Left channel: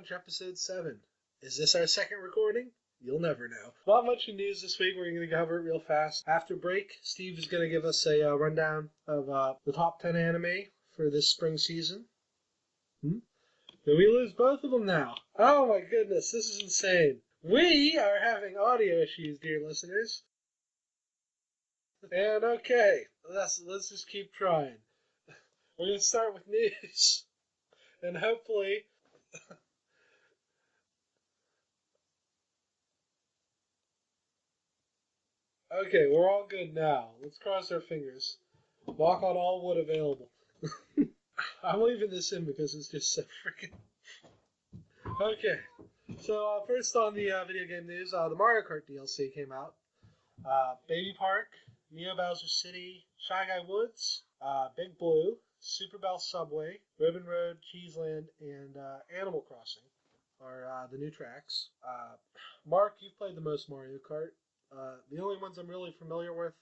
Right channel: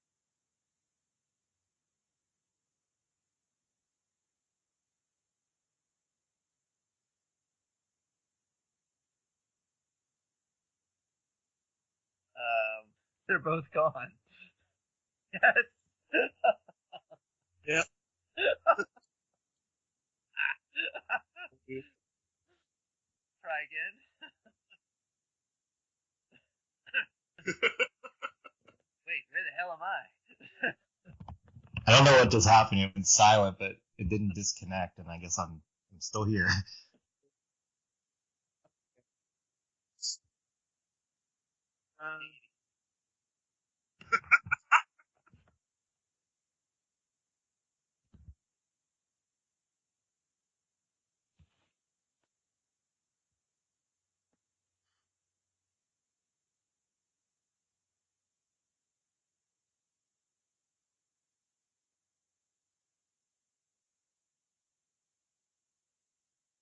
Launch Episode 7. Is this our second recording? You'll never know. Not much in news this week. We're going to cover it real fast. After break, Steve is going to give us a rundown of the top 10 anime for this spring season. They're both gone. We lose both of them now. Oh my goodness, this is insane. We are having audio issues, dear listeners. And okay, let's just keep trying. We're going to start with news. And hopefully... Wait, where the hell am I? I don't know what just happened. It went silent, but it didn't disconnect, and I guess I'm okay, still we're all here. good now. Let's cross our fingers. Walk on all wood available. I'm leaving this in because it's just so freaking... Okay. So, first on the video game news, the Mario Kart DLC came out. Baby Park, Neo Bowser City, Shy Guy Woods, Big Blue, Super Bell Subway, Ribbon Road, Cheeseland, and Animal Crossing are the new tracks. Mark, you've played the most Mario Kart. The only ones I'm really familiar with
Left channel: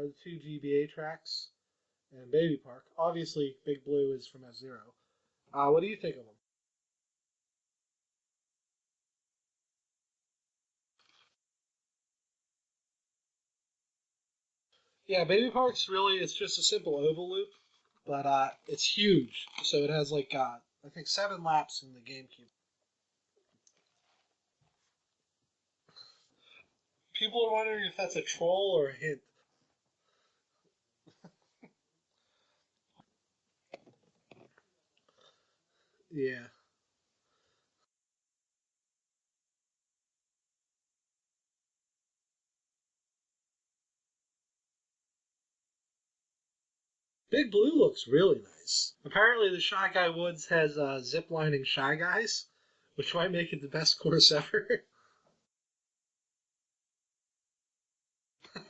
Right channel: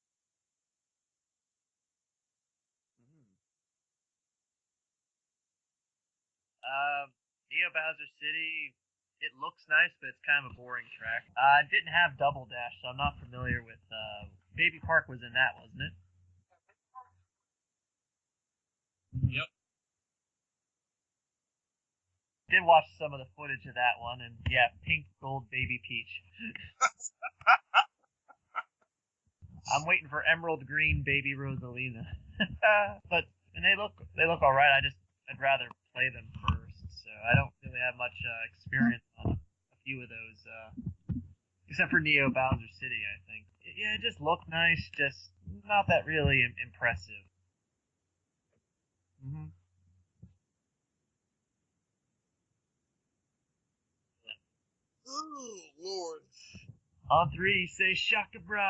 are the two GBA tracks and Baby Park. Obviously, Big Blue is from F-Zero. What do you think of them? Neo Bowser City, it looks nice, but it's kind of a boring track. It didn't have Double Dash, so I'm not familiar with Baby Park. Yeah, Baby Park's really, it's just a simple oval loop, but it's huge. Yep. So it has like, I think 7 laps in the GameCube. Did watch some of the footage of that one, and yeah, pink, gold, baby Peach. People are wondering if that's a troll or a hint. I'm waiting for Emerald Green, baby Rosalina. And they look all right. I'd rather play them first. So I don't really have much experience on a few of those, except for Neo Bowser City, I think. Yeah, it just looked nice, just not that really impressive. Big Blue looks really nice. Apparently the Shy Guy Woods has zip-lining Shy Guys, which might make it the best course ever. Oh, Lord. On 3, say Shaka Bra.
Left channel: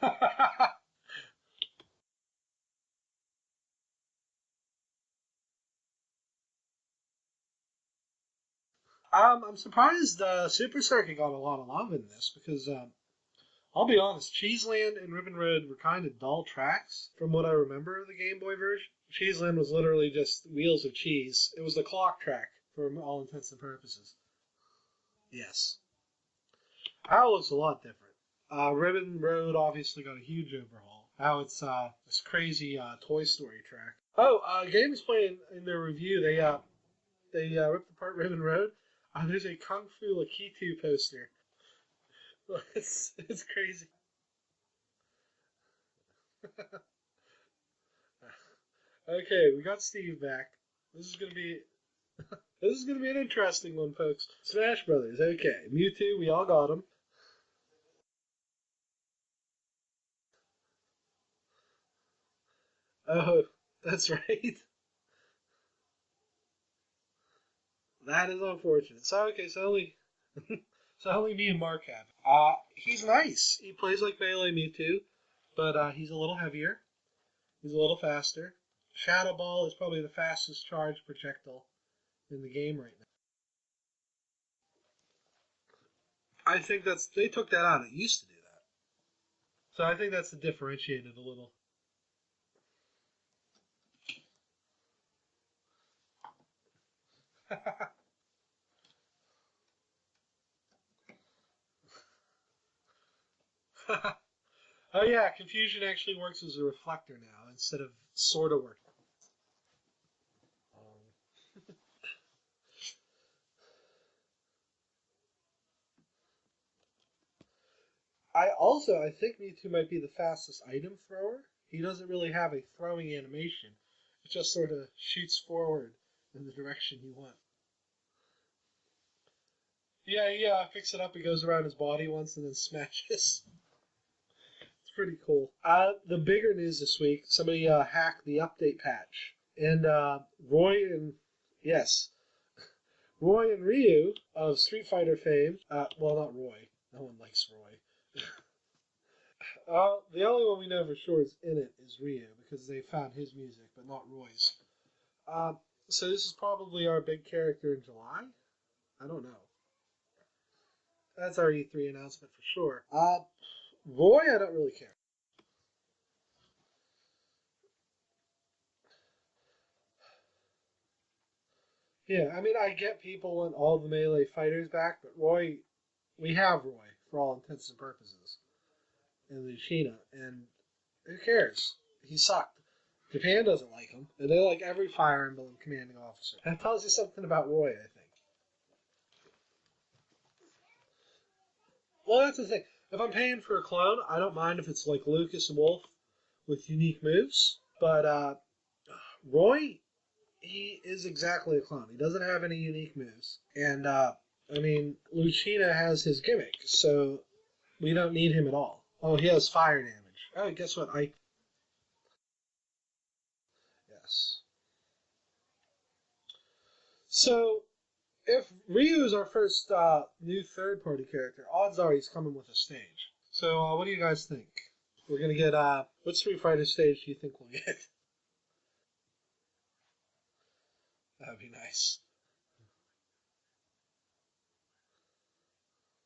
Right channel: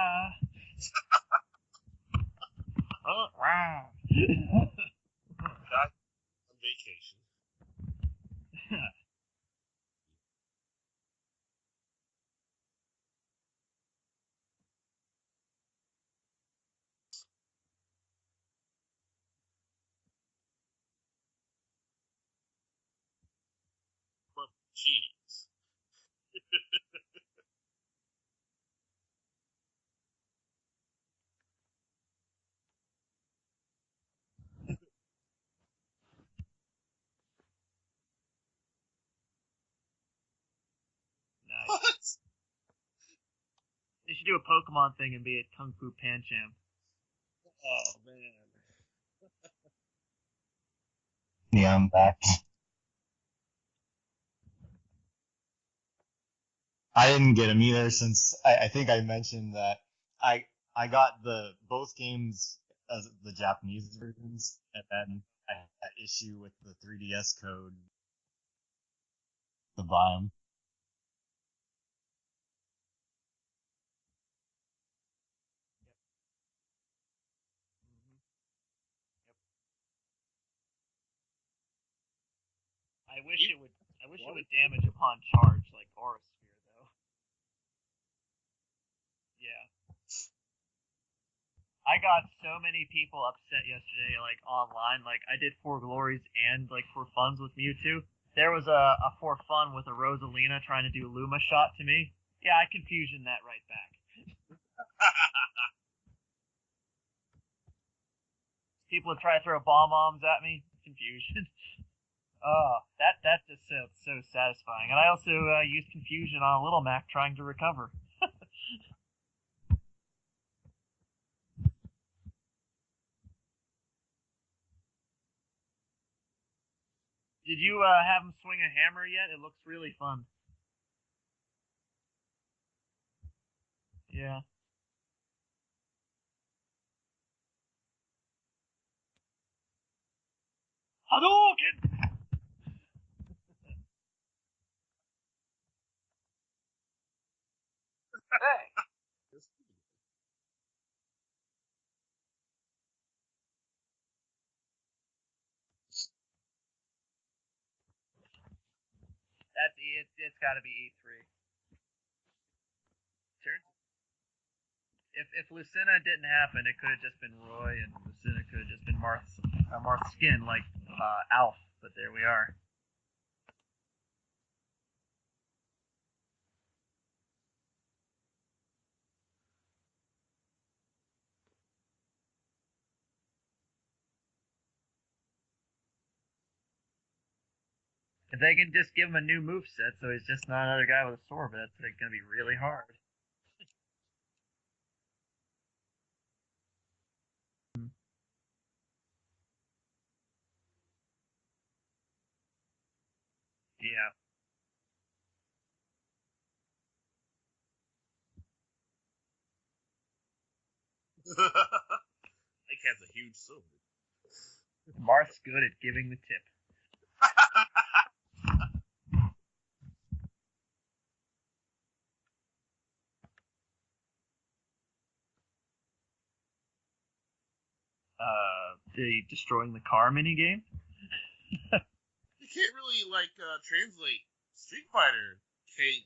Oh, wow. On vacation. I'm surprised Super Circuit got a lot of love in this because, I'll be honest, Cheeseland and Ribbon Road were kind of dull tracks from what I remember of the Game Boy version. Cheeseland was literally just wheels of cheese. It was the clock track for all intents and purposes. Cheese. Yes. How looks a lot different. Ribbon Road obviously got a huge overhaul. Now it's this crazy Toy Story track. Oh, GameSplay in their review they ripped apart Ribbon Road. There's a Kung Fu Lakitu poster. Nice. What? It's crazy. They should do a Pokemon thing and be a Kung Fu Pancham. Oh, man. Okay, we got Steve back. This is gonna be I'm back. This is gonna be an interesting one, folks. Smash Brothers. Okay, Mewtwo. We all got him. I didn't get him either since I think I mentioned that I got both games as Japanese that's versions, right. and then I had that issue with the 3DS code. That is unfortunate. So To buy 'em. So only me and Mark have it. He's nice. He plays like Melee Mewtwo, but he's a little heavier. He's a little faster. Shadow Ball is probably the fastest charged projectile in the game right now. I wish it would damage upon charge like Horus. I think they took that out. It used to do that. Yeah. So I think that's to differentiate it a little. I got so many people upset yesterday, like online. Like I did For Glories and like For Funs with Mewtwo. There was a For Fun with a Rosalina trying to do Luma shot to me. Yeah, I confusion that right back. Oh yeah, Confusion actually works as a reflector now instead of sort of working. People would try to throw bomb bombs at me. Confusion. Oh, that's just so satisfying. And I also used Confusion on a Little Mac trying to recover. I think Mewtwo might be the fastest item thrower. He doesn't really have a throwing animation. It just sort of shoots forward in the direction you want. Did you have him swing a hammer yet? It looks really fun. Yeah, picks it up, it goes around his body once and then smashes. Yeah. It's pretty cool. The bigger news this week, somebody hacked the update patch. And Roy and... Hadouken! Yes. Roy and Ryu of Street Fighter fame, well, not Roy. No one likes Roy. Hey! The only one we know for sure is in it is Ryu, because they found his music, but not Roy's. So this is probably our big character in July? I don't know. It's got to be E3. That's our E3 announcement for sure. Sure. Roy, I don't really care. If Lucina didn't happen, it could have just been Roy, and Lucina could have just been Marth's skin, like Alf, but there we are. I mean, I get people want all the melee fighters back, but we have Roy for all intents and purposes, and Lucina, and who cares? He sucked. Japan doesn't like him, and they like every Fire Emblem commanding officer. That tells you something about Roy, I think. If they can just give him a new moveset, so he's just not another guy with a sword, but that's going to be really hard. If I'm paying for a clone, I don't mind if it's like Lucas and Wolf with unique moves, but Roy, he is exactly a clone. He doesn't have any unique moves, and I mean, Lucina has his gimmick, so we don't need him at all. Oh, he has fire damage. Oh, guess what? Ike has a huge sword. Yes. Marth's good at giving the tip. So, if Ryu is our first new third-party character, odds are he's coming with a stage. So, what do you guys think? We're gonna get what Street Fighter stage do you think we'll get? The destroying the car minigame. That'd be nice. You can't really translate Street Fighter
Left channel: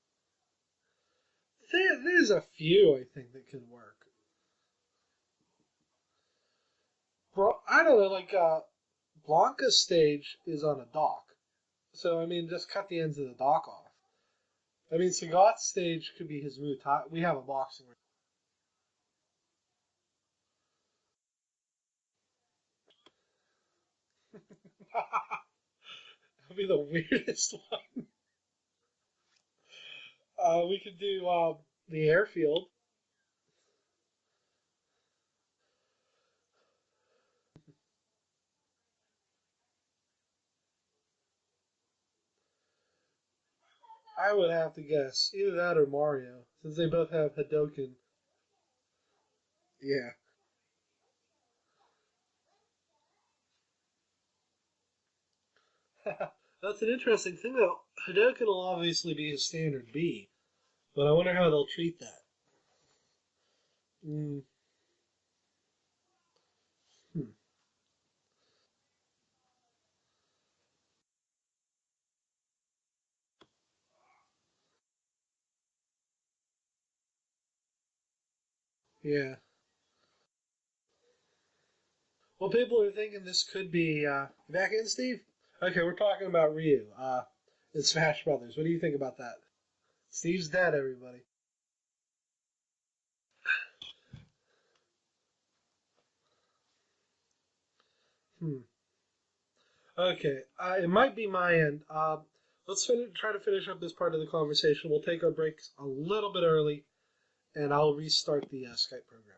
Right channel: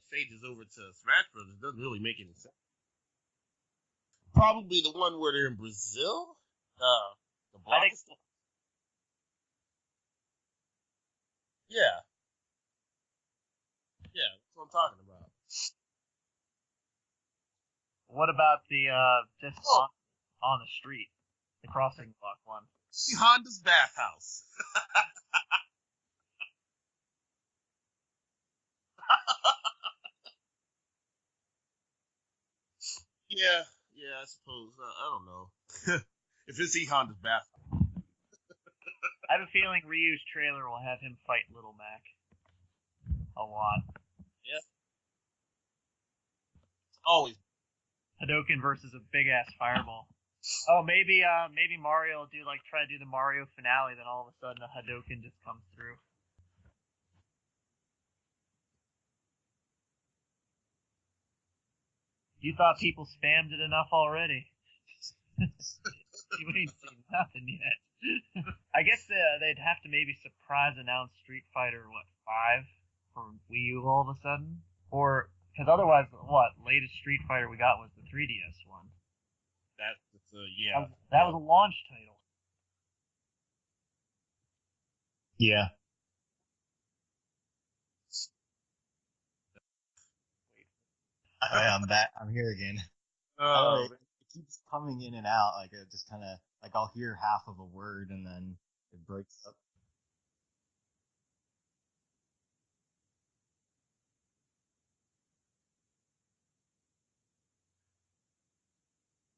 stages over to Smash Brothers. There's a few I think that could work. Probably the one where they're in Brazil. I don't know, like Blanca's stage is on a dock. Yeah. So I mean, just cut the ends of the dock off. Yeah, that's what I'm talking I mean, about. Sagat's stage could be his move. We have a boxing ring. What about the just on the street, the crossing block one? Honda's bathhouse. That'd be the weirdest one. We could do the airfield. Yeah, I suppose. I don't know. If it's Honda's bathhouse. I have a feeling Ryu's trailer will have him fight Little Mac a lot. I would have to guess either that or Mario, since they both have Hadouken. Hadouken versus a big ass fireball. Yeah. Oh, maybe Mario will try to do the Mario finale, then all of a sudden a Hadouken just comes through. That's an interesting thing, though. Hadouken will obviously be his standard B, but I wonder how they'll treat that. You thought people spammed it enough already? You ain't seen nothing yet. I guess they'd have to maybe surprise announce Street Fighter 5 for Wii U all of a sudden, or because otherwise, latest Street Fighter we got was the 3DS one. Yeah. That was a launch title. Well, people are thinking this could be back in, Steve. Yeah. Okay, we're talking about Ryu. In Smash Brothers. What do you think about that? Steve's dead, everybody. I'm back. I'm here again. Oh. It keeps coming in and out. Like it just kind of I'll hear half of a word and then it breaks up. Okay, it might be my end. Let's try to finish up this part of the conversation. We'll take our breaks a little bit early, and I'll restart the Skype program.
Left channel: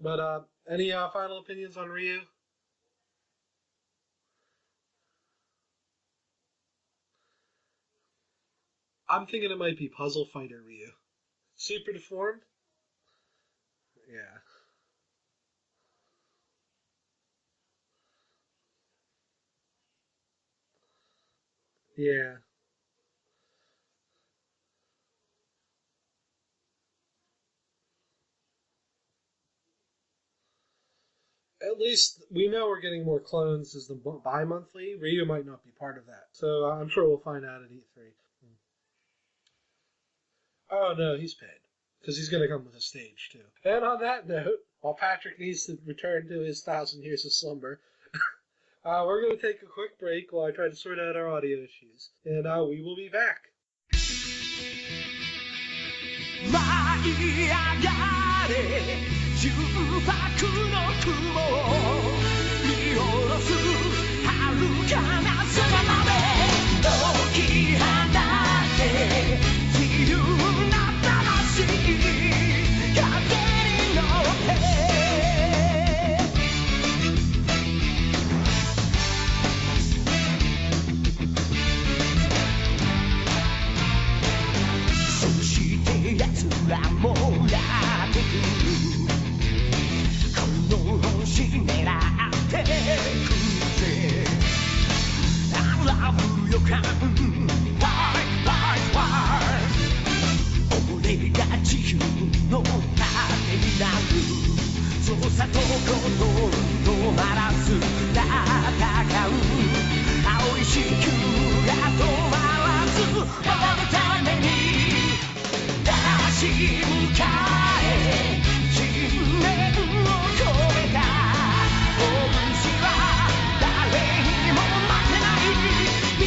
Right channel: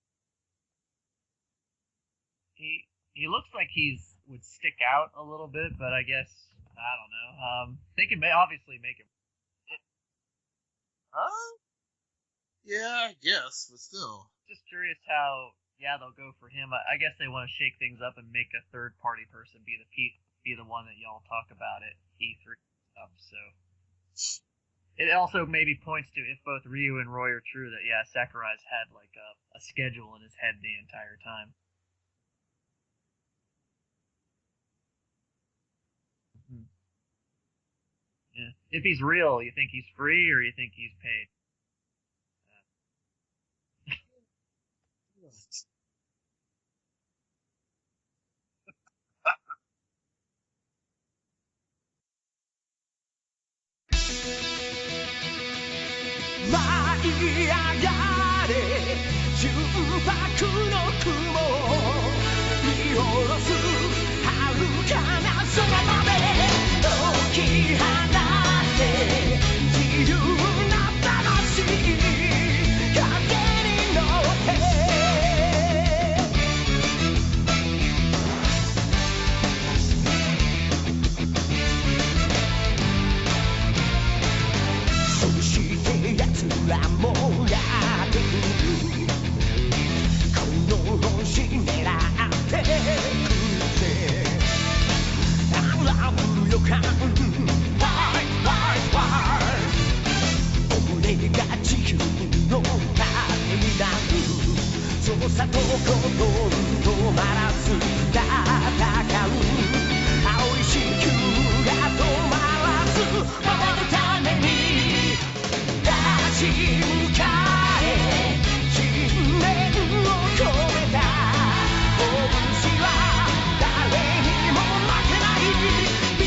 But any final opinions on Ryu? He looks like would stick out a little bit, but I guess I don't know. They can obviously make it. I'm thinking it might be Puzzle Fighter Ryu. Super deformed? Yeah, I guess, but still. Yeah. Just curious how they'll go for him. I guess they want to shake things up and make a third party person be the one that y'all talk about it. Yeah. So it also maybe points to, if both Ryu and Roy are true, that Sakurai's had like a schedule in his head the entire time. At least we know we're getting more clones as the bi-monthly. Ryu might not be part of that, so I'm sure we'll find out at E3. Yeah. If he's real, you think he's free, or you think? He's paid. Because he's going to come with a stage, too. And on that note, while Patrick needs to return to his 1,000 years of slumber, we're going to take a quick break while I try to sort out our audio issues. And we will be back.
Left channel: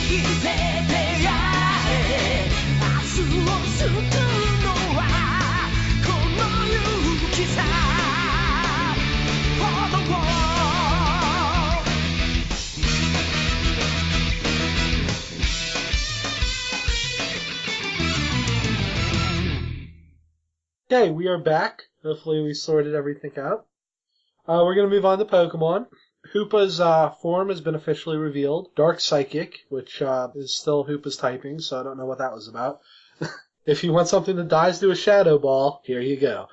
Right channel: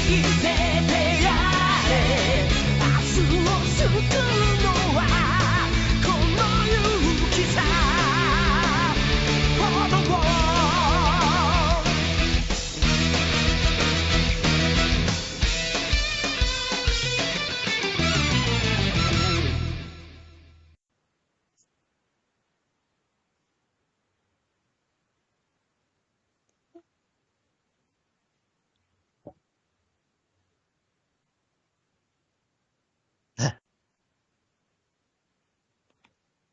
Okay, we are back. Hopefully we sorted everything out. We're going to move on to Pokemon. Hoopa's form has been officially revealed. Dark Psychic, which is still Hoopa's typing, so I don't know what that was about. If you want something that dies to a Shadow Ball, here you go.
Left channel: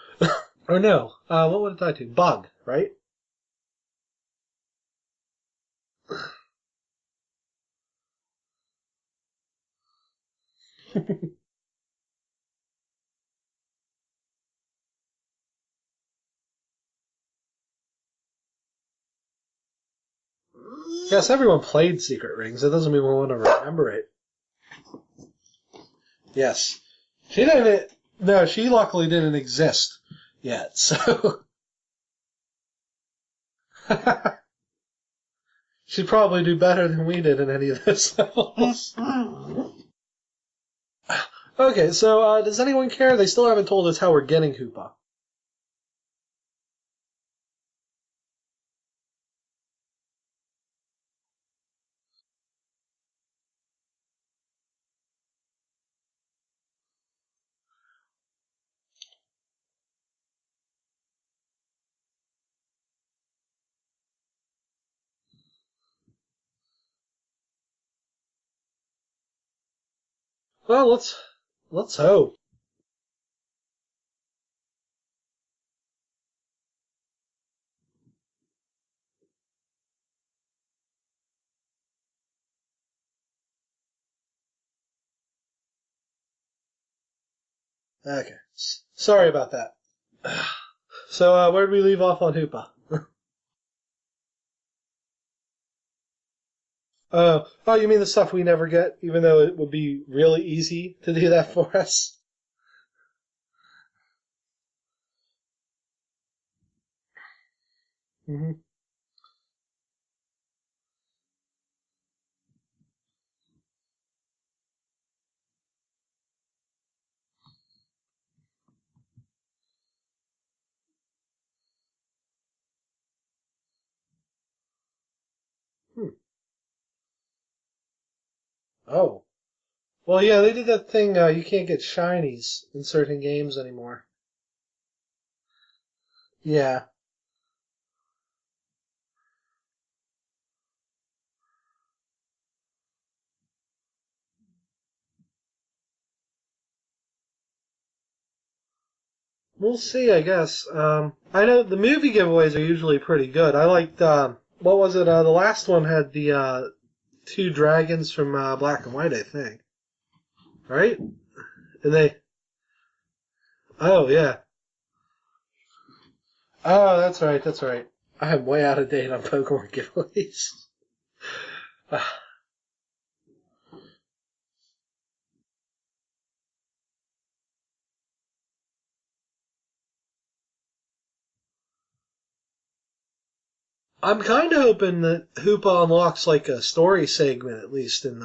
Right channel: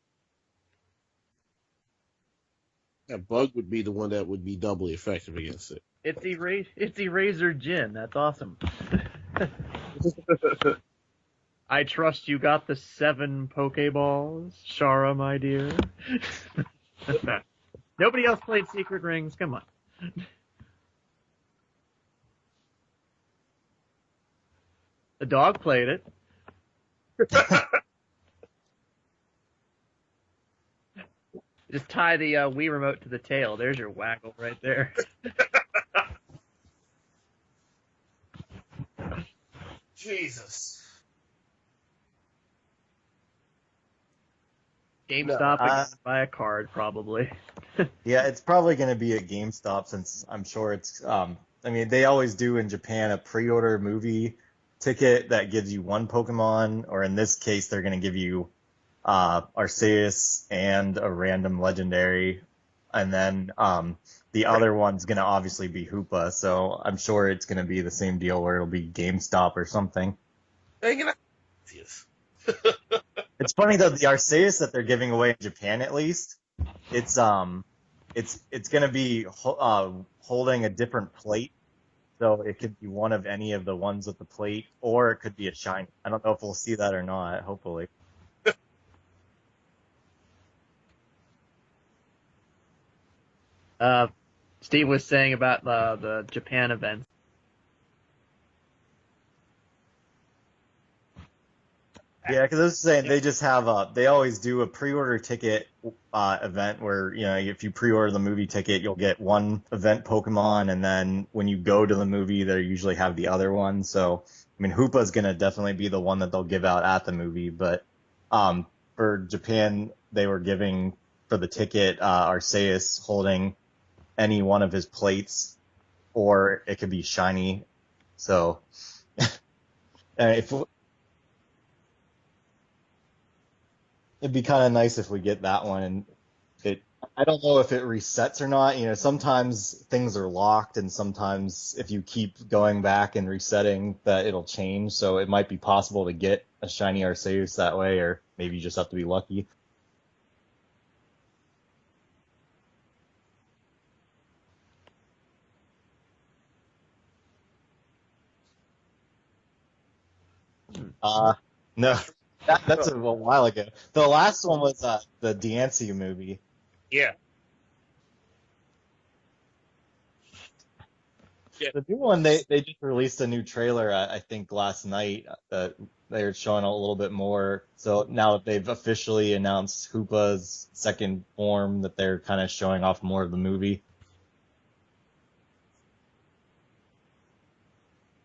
Or no, what would it die to? Bug, right? That Bug would be the one that would be doubly effective against it. It's Eraser Jin. That's awesome. I trust you got the 7 Pokeballs, Shara, my dear. Nobody else played Secret Rings. Come on. Yes, everyone played Secret Rings. That doesn't mean we want to remember it. The dog played it. Yes. She didn't. No, she luckily didn't exist yet. So just tie the Wii remote to the tail. There's your whack right there. She'd probably do better than we did in any of those levels. Jesus. Okay, so does anyone care? They still haven't told us how we're getting Hoopa. GameStop buy a card, probably. Yeah, it's probably going to be at GameStop since I'm sure it's. I mean, they always do in Japan a pre-order movie ticket that gives you 1 Pokemon, or in this case, they're going to give you Arceus and a random legendary, and then the other one's going to obviously be Hoopa. So I'm sure it's going to be the same deal where it'll be GameStop or something. Well, let's hope. It's funny though, the Arceus that they're giving away in Japan at least, it's going to be holding a different plate, so it could be one of any of the ones with the plate, or it could be a shiny. I don't know if we'll see that or not. Hopefully. Okay. Sorry about that. So where did we leave off on Hoopa? Steve was saying about the Japan event. Oh, you mean the stuff we never get, even though it would be really easy to do that for us? Yeah, because I was saying they just have they always do a pre-order ticket event where, you know, if you pre-order the movie ticket, you'll get 1 event Pokemon, and then when you go to the movie, they usually have the other one. So, I mean, Hoopa's gonna definitely be the one that they'll give out at the movie, but for Japan, they were giving for the ticket Arceus holding any one of his plates, or it could be shiny. So. Oh. Well, yeah, they did that thing. You can't get shinies in certain games anymore. It'd be kind of nice if we get that one. Yeah. I don't know if it resets or not. You know, sometimes things are locked, and sometimes if you keep going back and resetting, that it'll change. So it might be possible to get a shiny Arceus that way, or maybe you just have to be lucky. We'll see, I guess. I know the movie giveaways are usually pretty good. I liked, what was it? The last one had the 2 dragons from Black and White, I think. Right? No, that's a while ago. Oh, the yeah. last one was the Diancie movie. Oh, Yeah. That's right. I am way out of date on Pokemon giveaways. The new one, they just released a new trailer, I think, last night. That they're showing a little bit more. So now that they've officially announced Hoopa's second form, that they're kind of showing off more of the movie. I'm kind of hoping that Hoopa unlocks like a story segment, at least in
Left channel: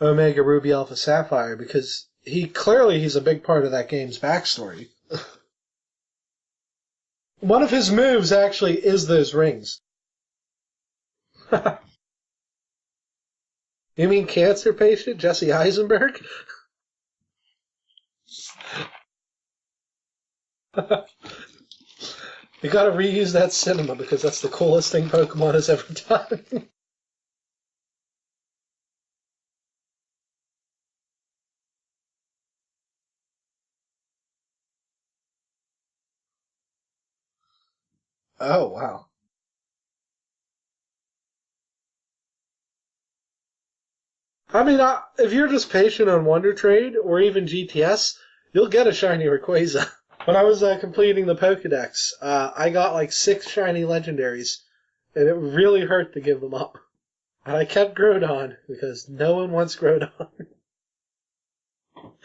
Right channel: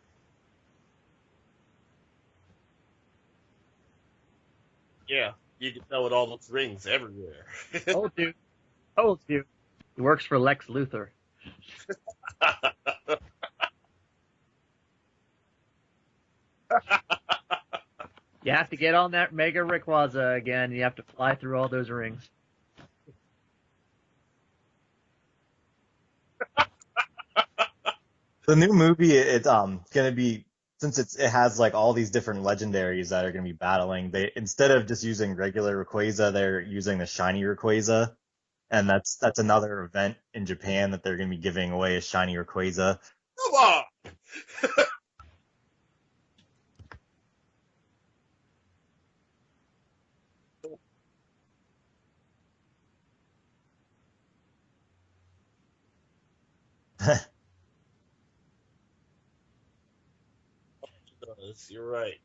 Omega Ruby Alpha Sapphire, because he's a big part of that game's backstory. Yeah, you can tell with all those rings everywhere. One of his moves actually is those rings. He works for Lex Luthor. You mean cancer patient Jesse Eisenberg? You have to get on that Mega Rayquaza again. You have to fly through all those rings. You gotta reuse that cinema because that's the coolest thing Pokemon has ever done. The new movie, it's gonna be, since it has like all these different legendaries that are gonna be battling. They, instead of just using regular Rayquaza, they're using the shiny Rayquaza. Oh, And wow. that's another event in Japan that they're gonna be giving away a shiny Rayquaza. Come on! I mean, if you're just patient on Wonder Trade or even GTS, you'll get a shiny Rayquaza. When I was completing the Pokedex, I got like 6 shiny legendaries, and it really hurt to give them up. And I kept Groudon because no one wants Groudon. You're right.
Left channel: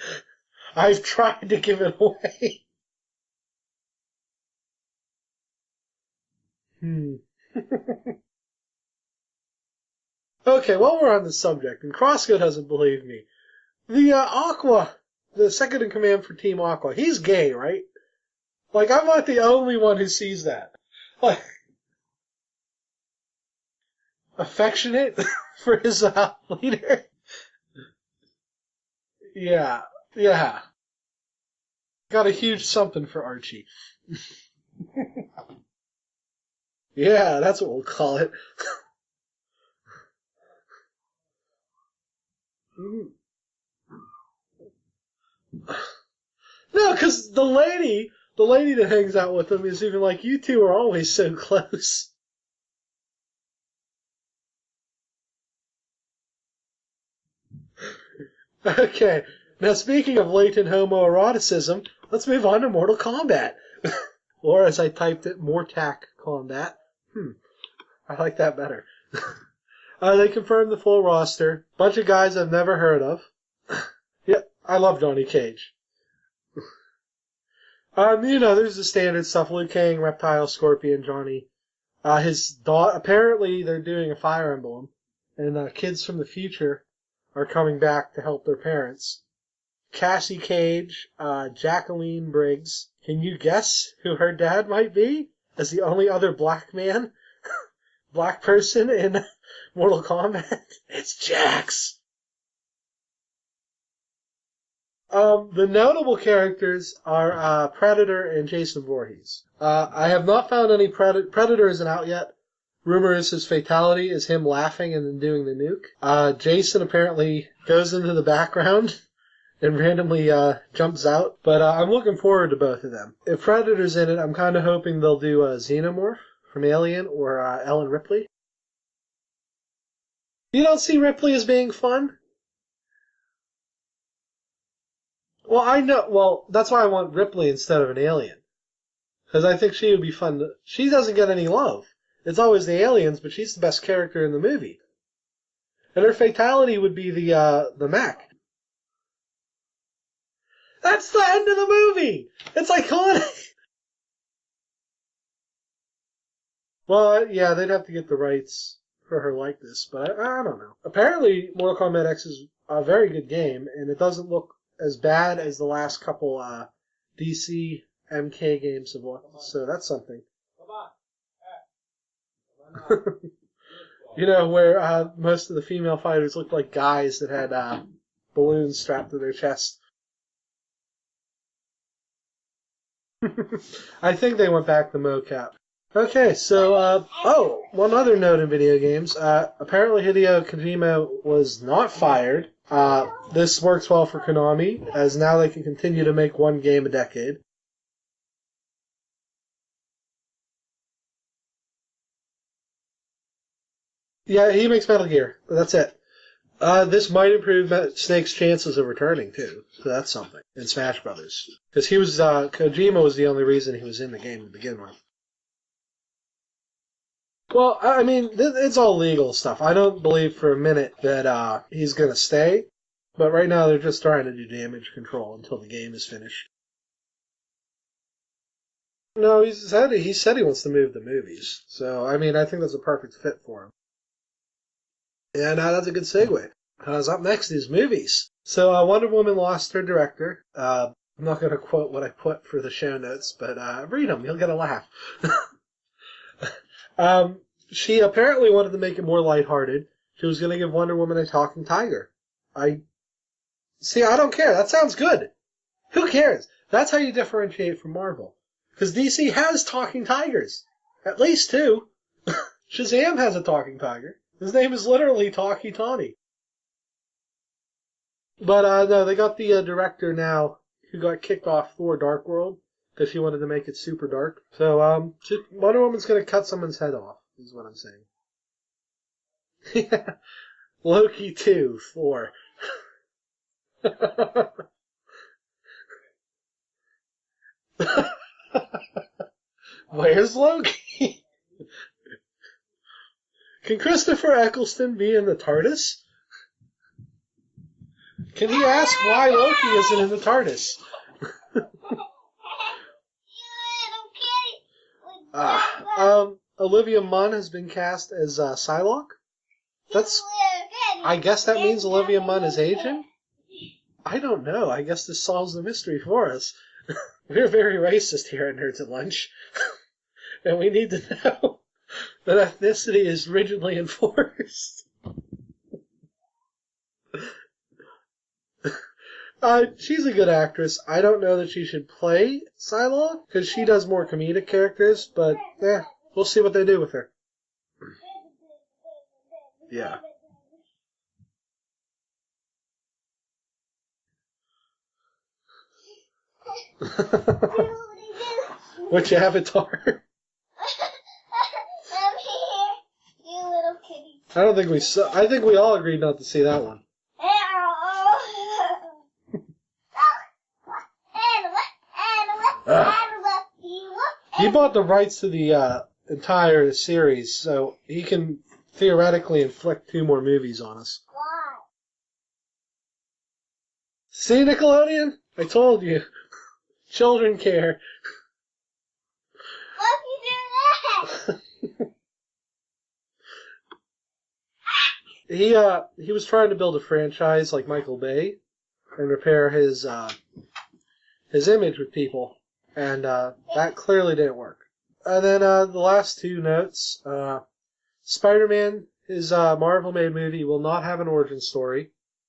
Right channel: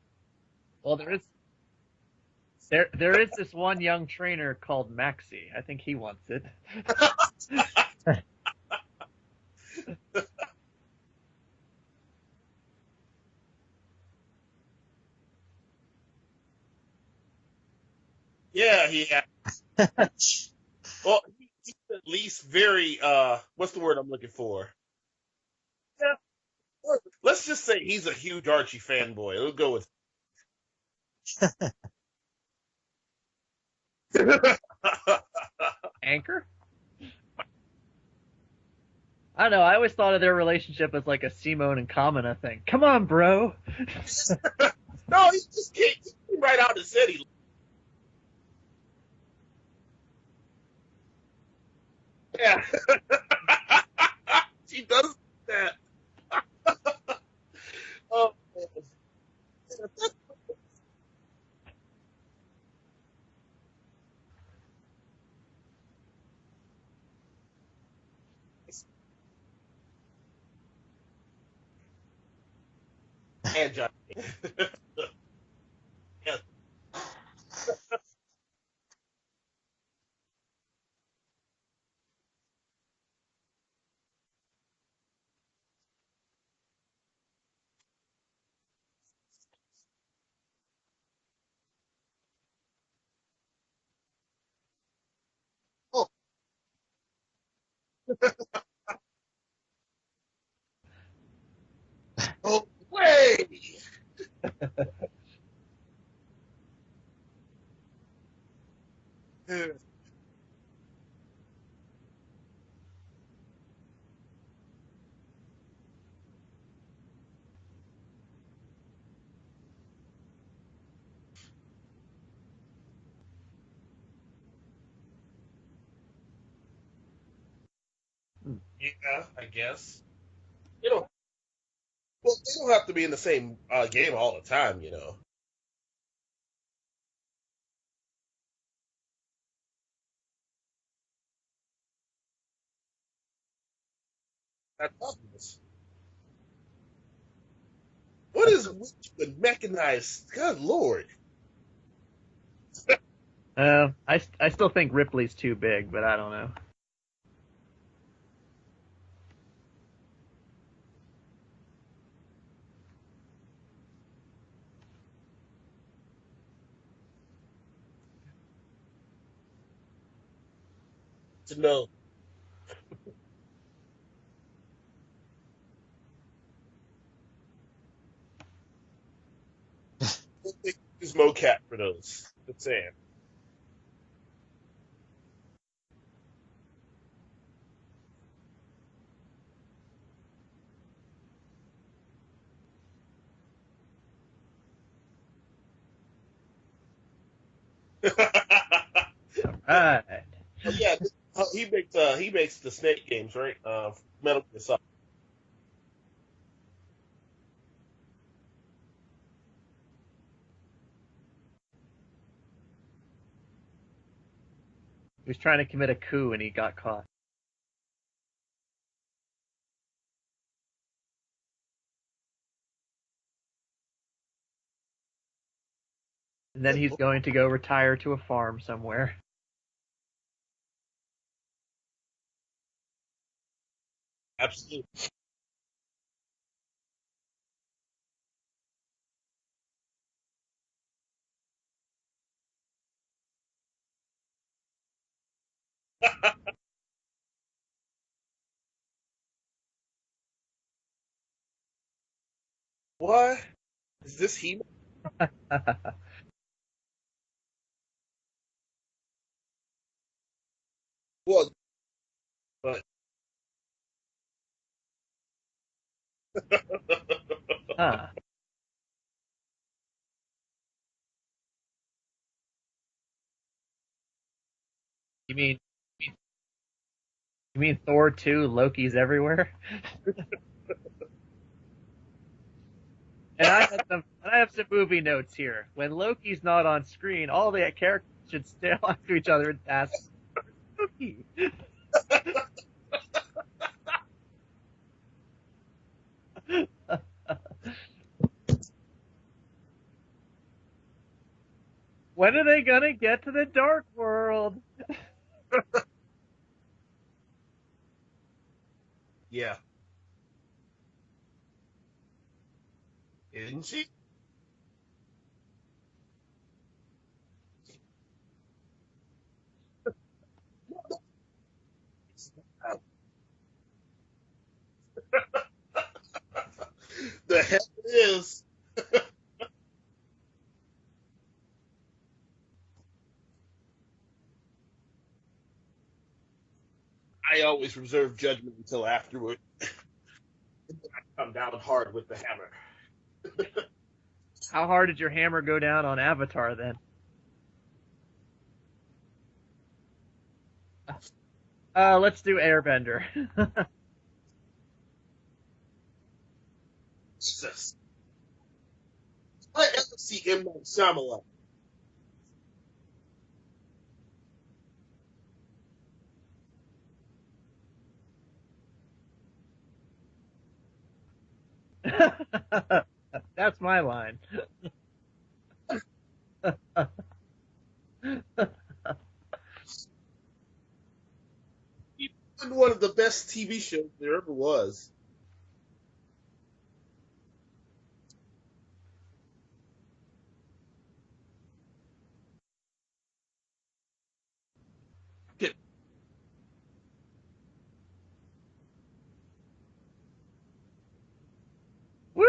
I tried to give it away. There is this one young trainer called Maxie. I think he wants it. Okay, while we're on the subject, and Crossco doesn't believe me, the Aqua, the second in command for Team Aqua, he's gay, right? Yeah. Like, I'm not the only one who sees that. Well, Like, he's at least very, what's the word I'm looking for? affectionate for his leader. Let's just say he's a huge Archie fanboy. Yeah, yeah. Got a huge something for Archie. Anchor? Yeah, that's what we'll call it. I don't know. I always thought of their relationship as like a Simone and Kamina thing. Come on, bro. No, he's just right out. No, because the lady that hangs out with him is even like, you two are always so close. Yeah. She does that. Okay, now speaking of latent homoeroticism, let's move on to Mortal Kombat. Or as I typed it, Mortak Kombat. I like that better. They confirmed the full roster. Bunch of guys I've never heard of. And, Yeah, I love Johnny Cage. Yeah. There's the standard stuff: Liu Kang, Reptile, Scorpion, Johnny. His daughter. Apparently, they're doing a Fire Emblem, and kids from the future are coming back to help their parents. Cassie Cage, Jacqui Briggs. Can you guess who her dad might be? As the only other black man, black person in Mortal Kombat, it's Jax. oh, way! The notable characters are Predator and Jason Voorhees. I have not found any Predator isn't out yet. Rumor is his fatality is him laughing and then doing the nuke. Jason apparently goes into the background and randomly jumps out. But I'm looking forward to both of them. If Predator's in it, I'm kind of hoping they'll do Xenomorph from Alien or Ellen Ripley. Yeah, I guess. You don't see Ripley as being fun? Well, they don't have to be in the same game all the time, you know. Well, I know. Well, that's why I want Ripley instead of an alien. Because I think she would be fun. She doesn't get any love. It's always the aliens, but she's the best character in the movie. That's obvious. And her fatality would be the mech. What is with mechanized? God lord. That's the end of the movie. It's iconic. I still think Ripley's too big, but I don't know. Well, yeah, they'd have to get the rights for her likeness, but I don't know. Apparently, Mortal Kombat X is a very good game, and it doesn't look as bad as the last couple DC MK games have looked, so that's something. No. Where most of the female fighters looked like guys that had balloons strapped to their chest. Use mocap for those. Just saying. I think they went back to mocap. Okay, so, one other note in video games. Apparently Hideo Kojima was not fired. This works well for Konami, as now they can continue to make one game a decade. Alright. Yeah, he makes the Snake games, right? He makes Metal Gear. That's it. This might improve Snake's chances of returning, too. So that's something. In Smash Brothers. Because Kojima was the only reason he was in the game to begin with. He was trying to commit a coup and he got caught. Well, I mean, it's all legal stuff. I don't believe for a minute that he's going to stay. But right now they're just trying to do damage control until the game is finished. And then he's going to go retire to a farm somewhere. No, he said he wants to move to movies. So, I mean, I think that's a perfect fit for him. Absolutely. And that's a good segue. Up next is movies. So Wonder Woman lost her director. I'm not going to quote what I put for the show notes, but read them. You'll get a laugh. She apparently wanted to make it more lighthearted. She was going to give Wonder Woman a talking tiger. What? See, I don't care. That sounds good. Who cares? That's how you differentiate from Marvel. Because DC has talking tigers. At least two. Shazam has a talking tiger. His name is literally Talkie Tawny. But no, they got the director now who got kicked off Thor Dark World because she wanted to make it super dark. So Wonder Woman's going to cut someone's head off. You mean Thor 2, Loki's everywhere? Loki 2, Thor. And I have some movie notes here. When Loki's not on screen, all the characters should stare onto each other and ask, "Where's Loki?" Can Christopher Eccleston be in the TARDIS? Can he ask why Loki isn't in the TARDIS? When are they gonna get to the Dark World? Olivia Munn has been cast as Psylocke. Yeah. I guess that means Olivia Munn is Asian? Isn't she? I don't know. I guess this solves the mystery for us. We're very racist here at Nerds at Lunch. And we need to know that ethnicity is rigidly enforced. The hell it is. She's a good actress. I don't know that she should play Psylocke, because she does more comedic characters, but we'll see what they do with her. I always reserve judgment until afterward. Yeah. I'm down hard with the hammer. How hard did your hammer go down on Avatar then? Which Avatar? Let's do Airbender. I don't think we saw. I think we all agreed not to see that one. I see M. Night Shyamalan. He bought the rights to the entire series, so he can theoretically inflict 2 more movies on us. That's my line. See, Nickelodeon? I told you. Children care. He did one of the best TV shows there ever was. He was trying to build a franchise like Michael Bay and repair his image with people, and that clearly didn't work. And then the last 2 notes: Spider-Man, his Marvel-made movie, will not have an origin story. Woo!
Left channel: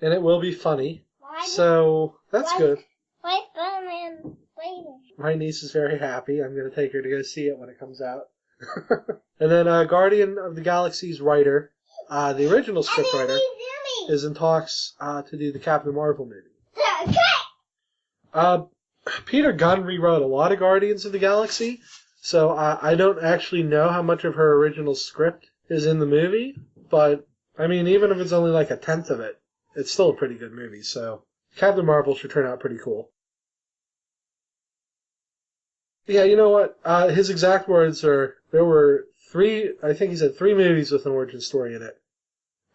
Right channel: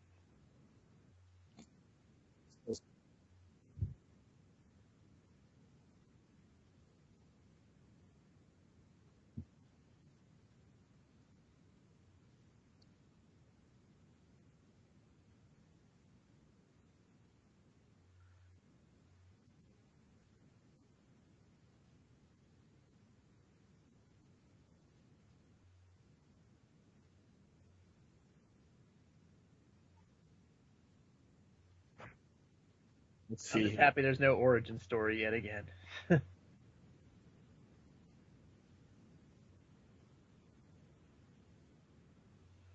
And it will be funny. So that's good. Why Spider-Man waiting? My niece is very happy. I'm going to take her to go see it when it comes out. And then Guardian of the Galaxy's writer, the original scriptwriter, is in talks to do the Captain Marvel movie. Peter Gunn rewrote a lot of Guardians of the Galaxy, so I don't actually know how much of her original script is in the movie, but I mean, even if it's only like a tenth of it, it's still a pretty good movie, so Captain Marvel should turn out pretty cool. I'm just happy there's no origin story yet again. Yeah, you know what? His exact words are, there were 3, I think he said 3 movies with an origin story in it.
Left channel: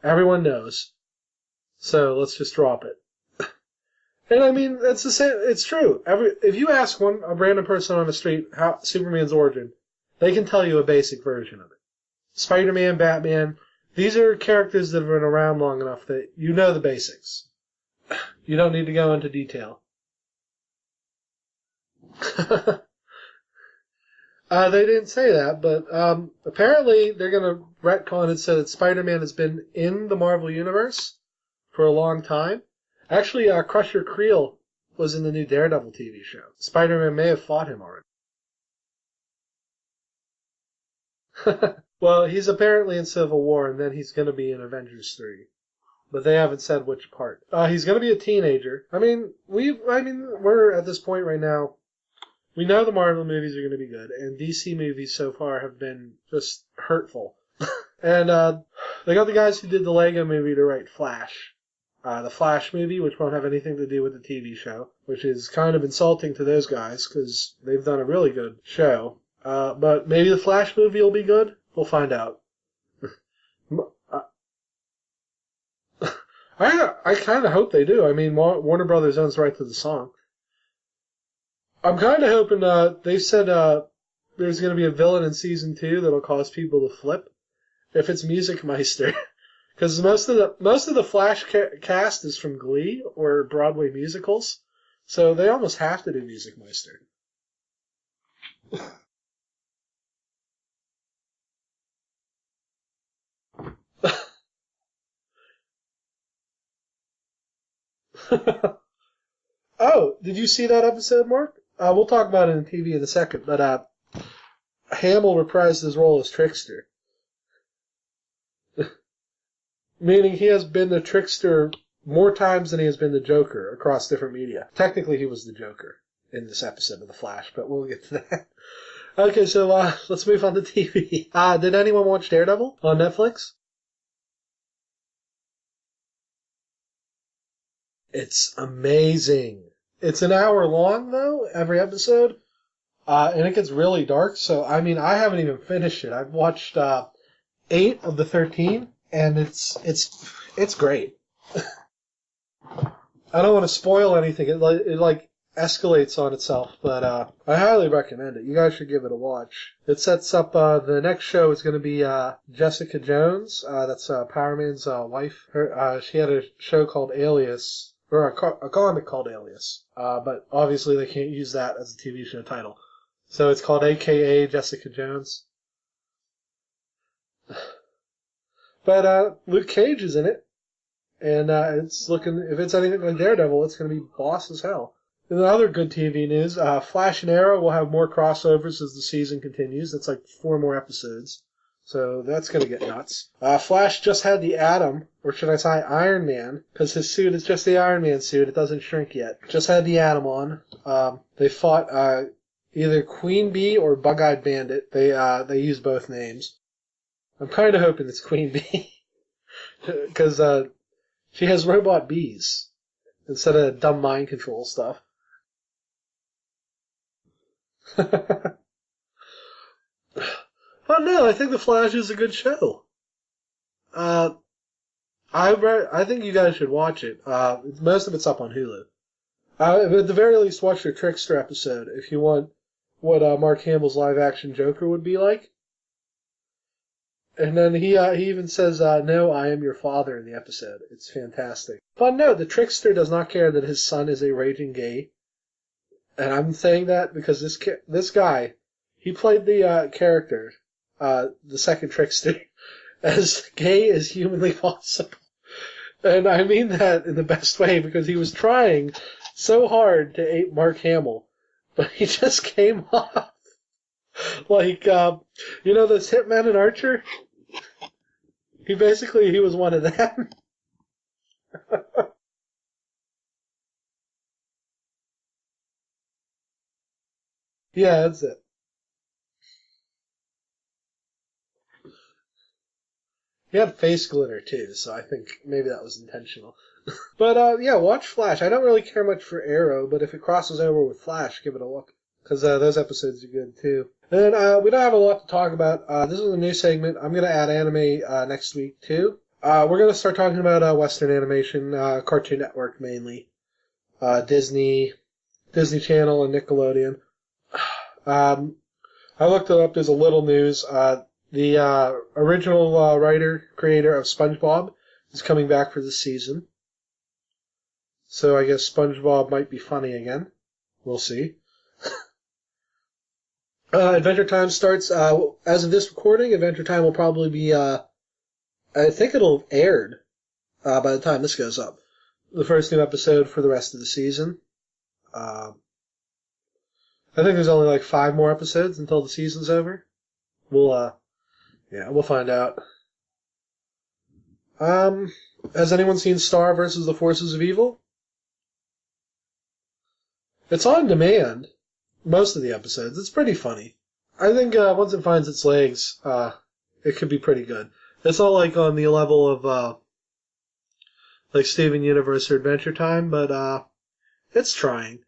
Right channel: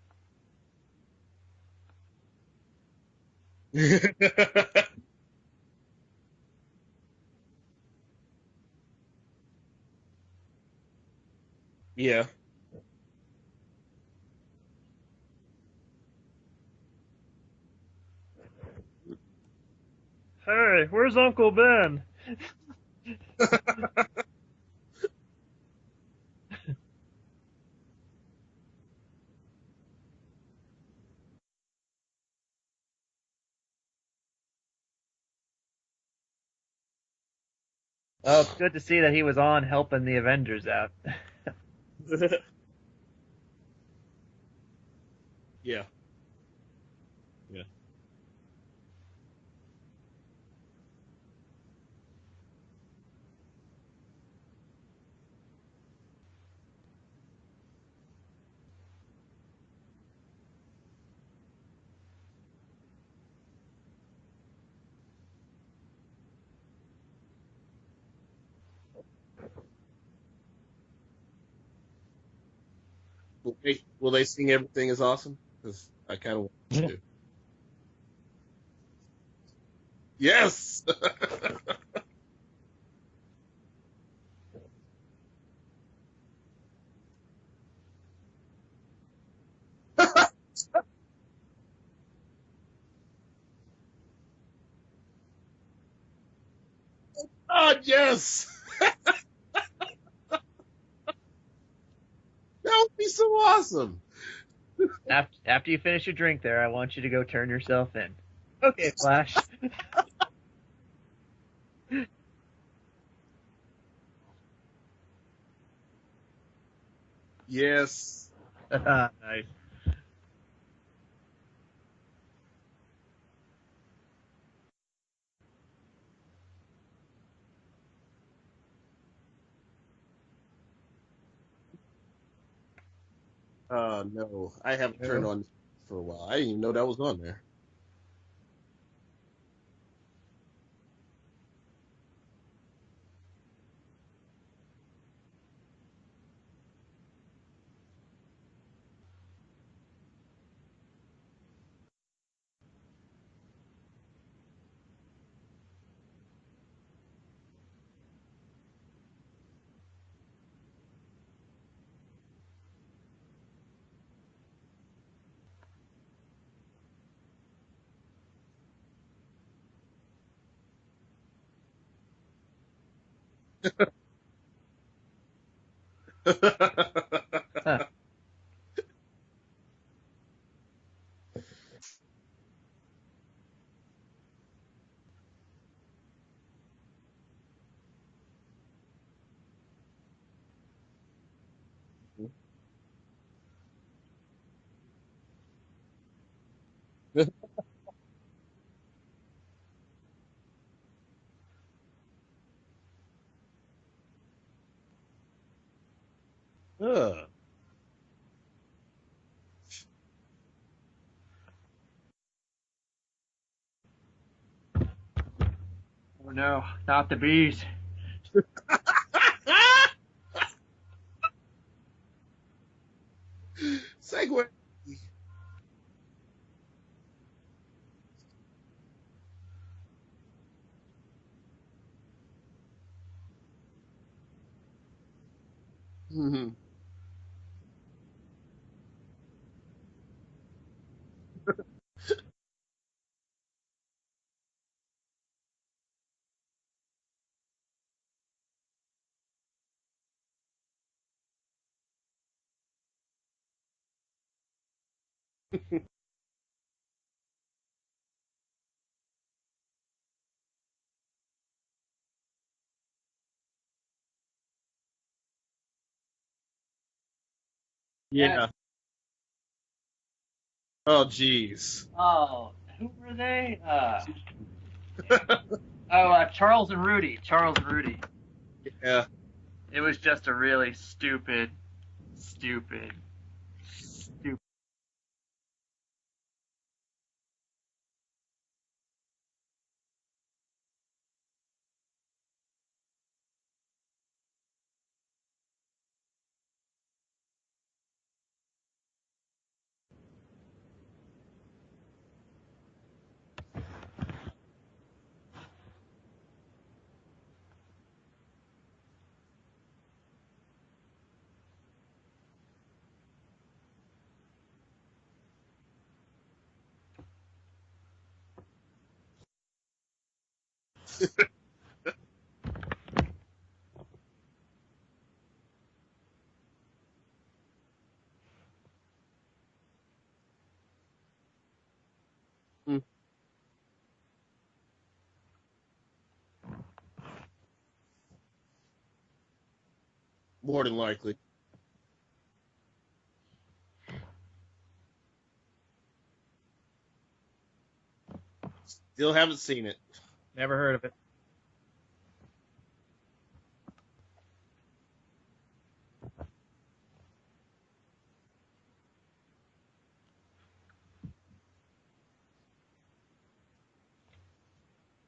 Everyone knows. So let's just drop it. And I mean, it's the same. It's true. If you ask a random person on the street how Superman's origin, they can tell you a basic version of it. Yeah. Spider-Man, Batman, these are characters that have been around long enough that you know the basics. You don't need to go into detail. Hey, where's Uncle Ben? They didn't say that, but apparently they're going to retcon it so that Spider-Man has been in the Marvel Universe for a long time. Actually, Crusher Creel was in the new Daredevil TV show. Spider-Man may have fought him already. Oh, it's good to see that he was on helping the Avengers out. Well, he's apparently in Civil War, and then he's going to be in Avengers 3. Yeah. But they haven't said which part. He's going to be a teenager. I mean, we're at this point right now. We know the Marvel movies are going to be good, and DC movies so far have been just hurtful. And they got the guys who did the Lego movie to write Flash. The Flash movie, which won't have anything to do with the TV show, which is kind of insulting to those guys because they've done a really good show. But maybe the Flash movie will be good. We'll find out. Will they sing Everything Is Awesome? I kind of hope they do. I mean, Warner Brothers owns the right to the song. Yes. I'm kind of hoping. They said there's going to be a villain in season 2 that'll cause people to flip. If it's Music Meister, because most of the Flash cast is from Glee or Broadway musicals, so they almost have to do Music Meister. Oh yes. That would be so awesome. After you finish your drink there, I want you to go turn yourself in. Okay, Flash. Oh, did you see that episode, Mark? We'll talk about it in TV in a second, but Hamill reprised his role as Trickster. Yes. Nice. Meaning he has been the Trickster more times than he has been the Joker across different media. Technically, he was the Joker in this episode of The Flash, but we'll get to that. Okay, so let's move on to TV. Did anyone watch Daredevil on Netflix? No. I haven't turned on for a while. I didn't even know that was on there. It's amazing. It's an hour long, though, every episode. And it gets really dark, so, I mean, I haven't even finished it. I've watched 8 of the 13, and it's great. I don't want to spoil anything. escalates on itself, but I highly recommend it. You guys should give it a watch. It sets up the next show is going to be Jessica Jones. That's Power Man's wife. She had a show called Alias, or a comic called Alias, but obviously they can't use that as a TV show title. So it's called AKA Jessica Jones. But Luke Cage is in it, and it's looking, if it's anything like Daredevil, it's going to be boss as hell. In other good TV news, Flash and Arrow will have more crossovers as the season continues. That's like 4 more episodes. So that's going to get nuts. Flash just had the Atom, or should I say Iron Man, because his suit is just the Iron Man suit. It doesn't shrink yet. Just had the Atom on. They fought either Queen Bee or Bug-Eyed Bandit. They use both names. I'm kind of hoping it's Queen Bee, because she has robot bees instead of dumb mind control stuff. Oh no, not the bees. Oh no, I think The Flash is a good show. I think you guys should watch it. Most of it's up on Hulu. At the very least, watch your Trickster episode if you want what Mark Hamill's live-action Joker would be like. Mm-hmm. And then he even says, "No, I am your father" in the episode. It's fantastic. But no, the Trickster does not care that his son is a raging gay. And I'm saying that because this guy, he played the character, the second Trickster, as gay as humanly possible. And I mean that in the best way, because he was trying so hard to ape Mark Hamill, but he just came off like, you know those hitmen in Archer? Yeah. He was one of them. Oh, jeez. Oh, who were they? Charles and Rudy. Yeah, that's it. Yeah. It was just a really stupid. He had face glitter too, so I think maybe that was intentional. But yeah, watch Flash. I don't really care much for Arrow, but if it crosses over with Flash, give it a look, because those episodes are good too. And then we don't have a lot to talk about. This is a new segment. I'm going to add anime next week too. We're going to start talking about Western animation, Cartoon Network mainly, Disney Channel, and Nickelodeon. I looked it up. There's a little news. The original creator of SpongeBob is coming back for this season. So I guess SpongeBob might be funny again. We'll see. Adventure Time starts, as of this recording, Adventure Time will probably be, I think it'll have aired by the time this goes up. The first new episode for the rest of the season. I think there's only like 5 more episodes until the season's over. More than likely. Yeah, we'll find out. Has anyone seen Star versus the Forces of Evil? Still haven't seen it. It's on demand. Most of the episodes. It's pretty funny. I think once it finds its legs, it could be pretty good. It's not like on the level of like Steven Universe or Adventure Time, but it's trying.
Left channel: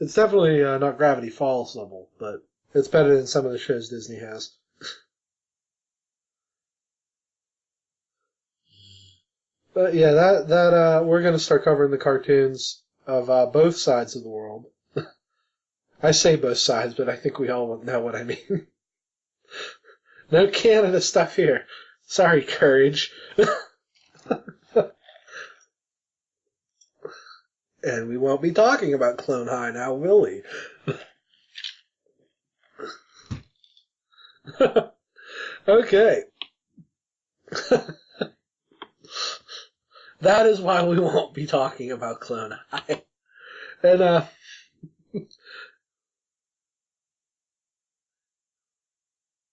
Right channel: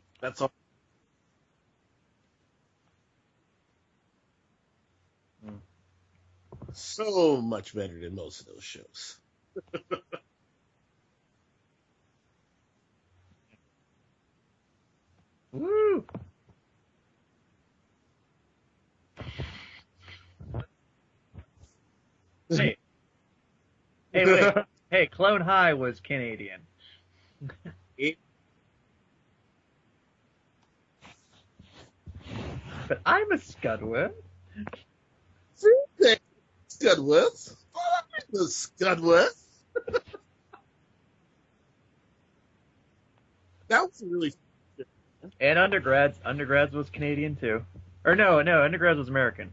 It's definitely not Gravity Falls level, but it's better than some of the shows Disney has. So much better than most of those shows. Yeah, that we're going to start covering the cartoons of both sides of the world. Woo. I say both sides, but I think we all know what I mean. No Canada stuff here. Sorry, Courage. Hey, wait. Hey, Clone High was Canadian. And we won't be talking about Clone High now, will we? But I'm a Scudworth. Okay. Scudworth? Scudworth? That is why we won't be talking about Clone High. That was And, really... And Undergrads. Undergrads was Canadian too. Or no, Undergrads was American.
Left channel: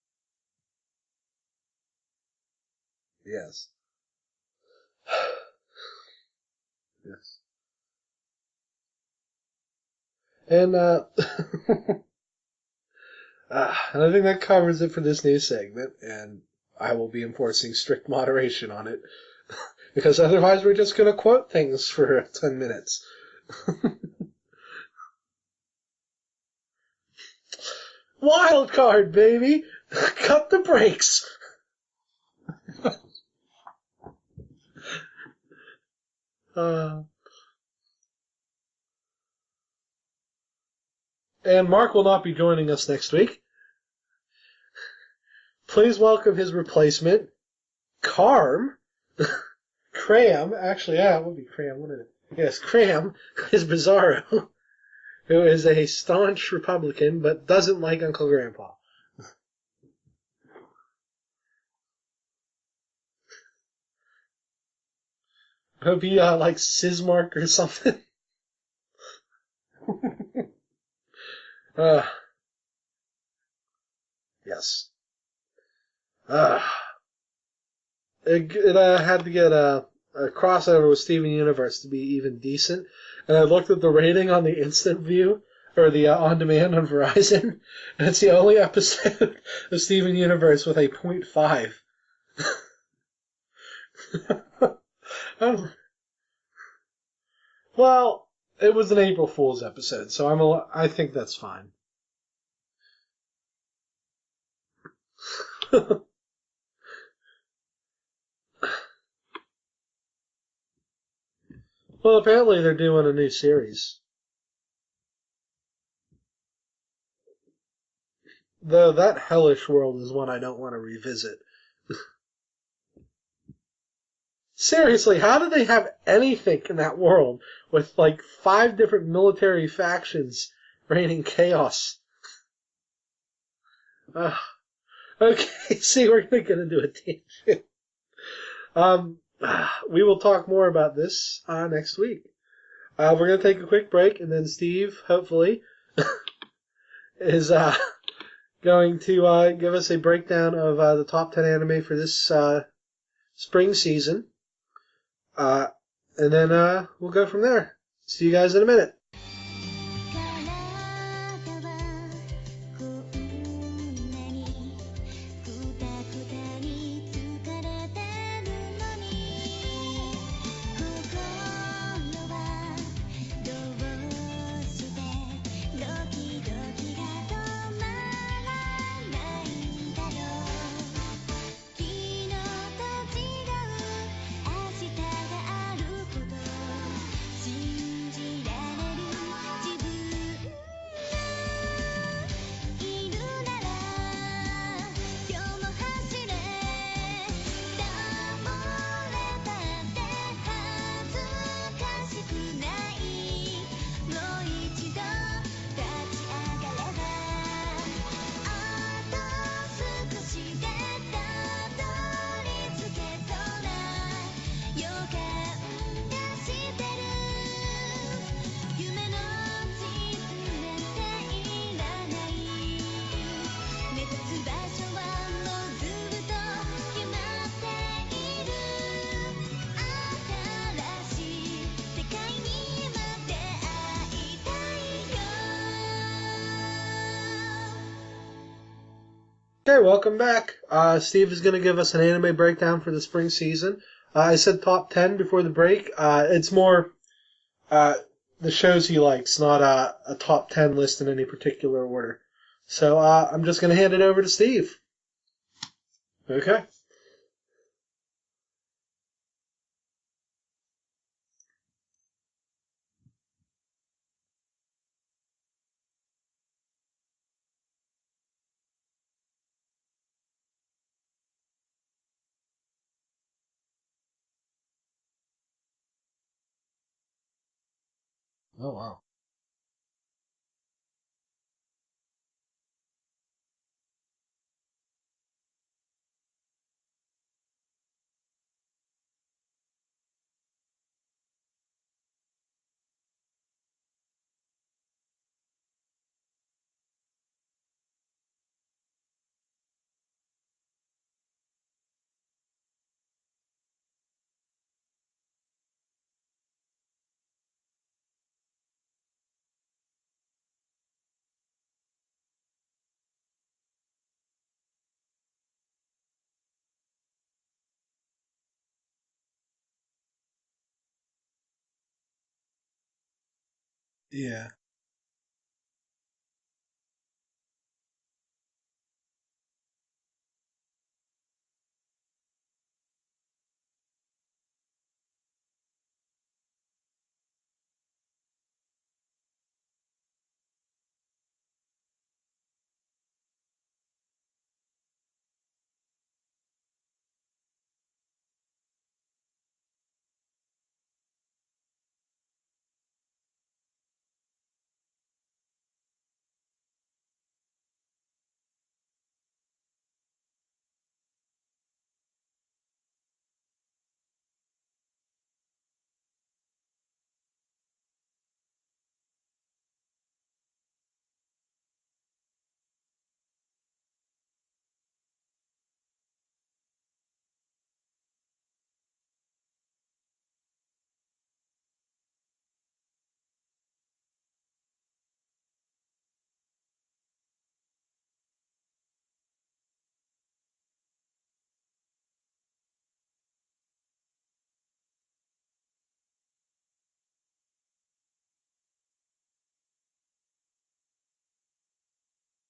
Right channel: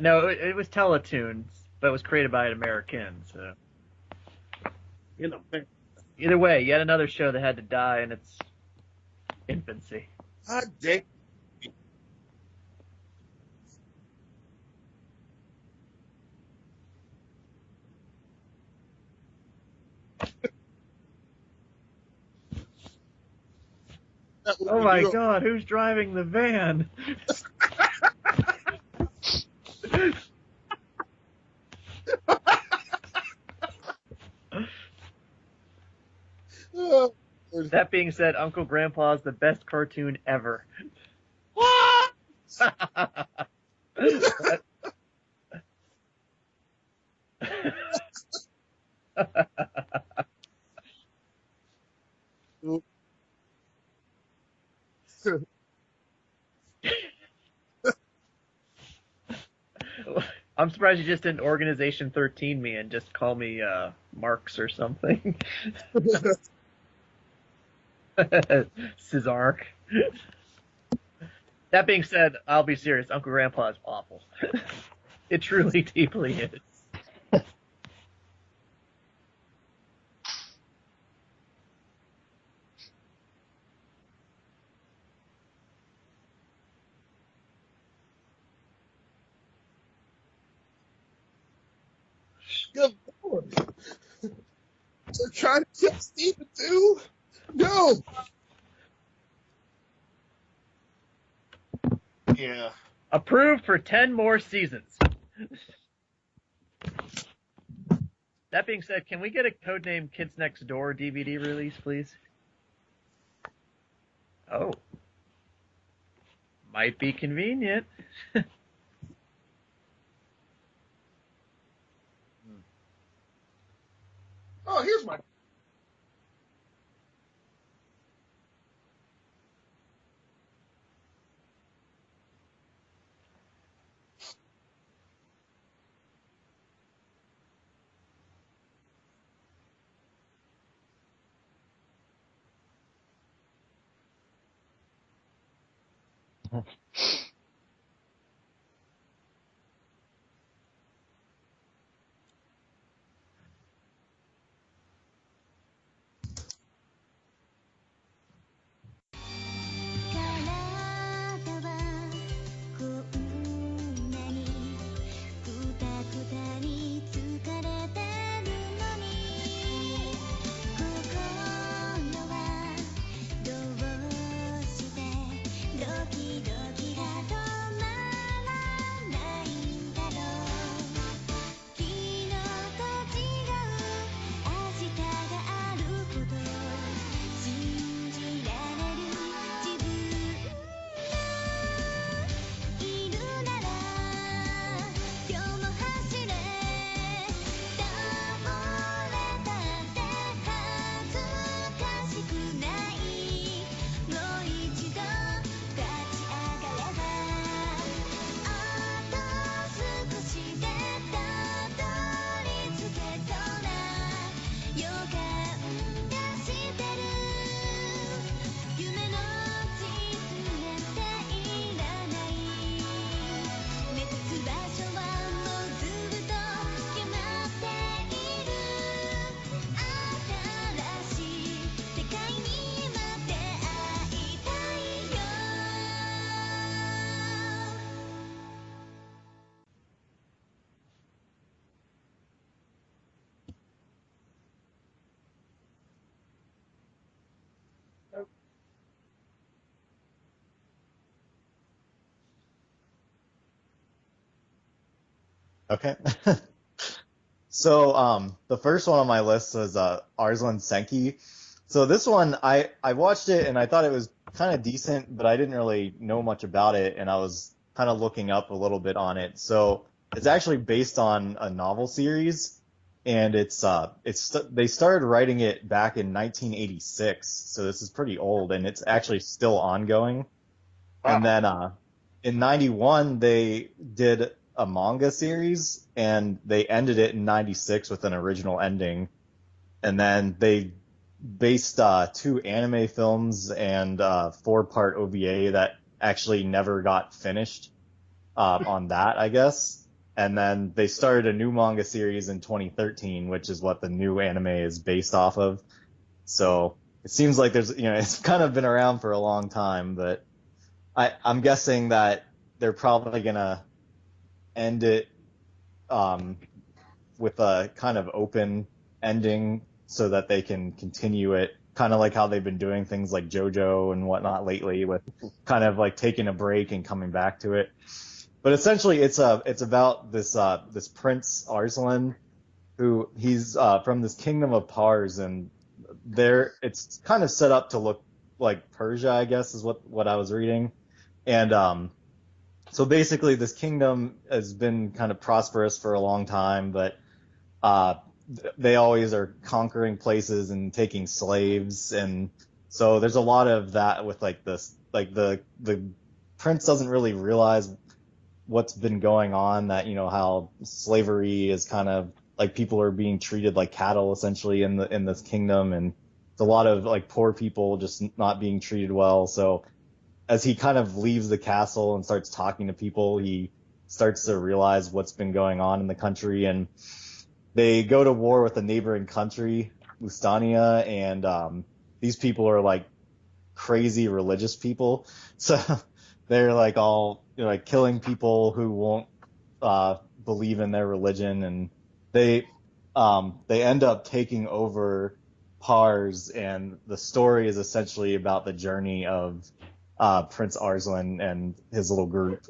No, it was Teletoons, but it was created by Americans. Yes. Either way, yet another show that had to die in its infancy. And and I think that covers it for this news segment, and I will be enforcing strict moderation on it, because otherwise we're just going to quote things for 10 minutes. Oh my god, who's driving the van? Wild card, baby! Cut the brakes! That being said, Uncle Grandpa is the best cartoon ever. And Mark will not be joining us next week. Please welcome his replacement, Carm. Cram. Actually, yeah, it would be Cram, wouldn't it? Yes, Cram is Bizarro, who is a staunch Republican but doesn't like Uncle Grandpa. I'm surprised you just didn't Organization 13 me and just call me Marx or something. It would be like Sismark or something. Cesark. That being said, I'll be serious. Uncle Grandpa is awful. Yes. It truly, deeply is. It had to get a crossover with Steven Universe to be even decent. And I looked at the rating on the instant view, or the on-demand on Verizon, and it's the only episode of Steven Universe with a 0.5. Good lord. They're trying to kill Steven too? No! Well, it was an April Fool's episode, so I think that's fine. Yeah. Approved for 10 more seasons. That being said, can we get a Codename Kids Next Door DVD release, please? Well, apparently they're doing a new series. Oh. Might be convenient. Though that hellish world is one I don't want to revisit. Seriously, how did they have anything in that world with like 5 different military factions reigning chaos? Okay, see, we're going to get into a tangent. We will talk more about this next week. We're going to take a quick break, and then Steve, hopefully, is going to give us a breakdown of the top 10 anime for this spring season. And then we'll go from there. See you guys in a minute. Okay, welcome back. Steve is going to give us an anime breakdown for the spring season. I said top 10 before the break. It's more the shows he likes, not a top 10 list in any particular order. So I'm just going to hand it over to Steve. Okay. Okay. So the first one on my list was Arslan Senki. So this one, I watched it and I thought it was kind of decent, but I didn't really know much about it, and I was kind of looking up a little bit on it. So it's actually based on a novel series, and they started writing it back in 1986. So this is pretty old, and it's actually still ongoing. Wow. And then in 91 they did a manga series, and they ended it in 96 with an original ending. And then they based 2 anime films and 4-part OVA that actually never got finished on that, I guess. And then they started a new manga series in 2013, which is what the new anime is based off of. So it seems like it's kind of been around for a long time, but I'm guessing that they're probably gonna end it with a kind of open ending so that they can continue it, kind of like how they've been doing things like JoJo and whatnot lately, with kind of like taking a break and coming back to it. But essentially, it's about this Prince Arslan, who he's from this kingdom of Pars, and it's kind of set up to look like Persia, I guess, is what I was reading. And so basically this kingdom has been kind of prosperous for a long time, but they always are conquering places and taking slaves, and so there's a lot of that with like this, like the prince doesn't really realize what's been going on, that how slavery is kind of like people are being treated like cattle essentially in this kingdom, and it's a lot of like poor people just not being treated well. So as he kind of leaves the castle and starts talking to people, he starts to realize what's been going on in the country, and they go to war with a neighboring country, Lustania, and these people are like crazy religious people. So they're like all like killing people who won't believe in their religion, and they end up taking over Pars, and the story is essentially about the journey of Prince Arslan and his little group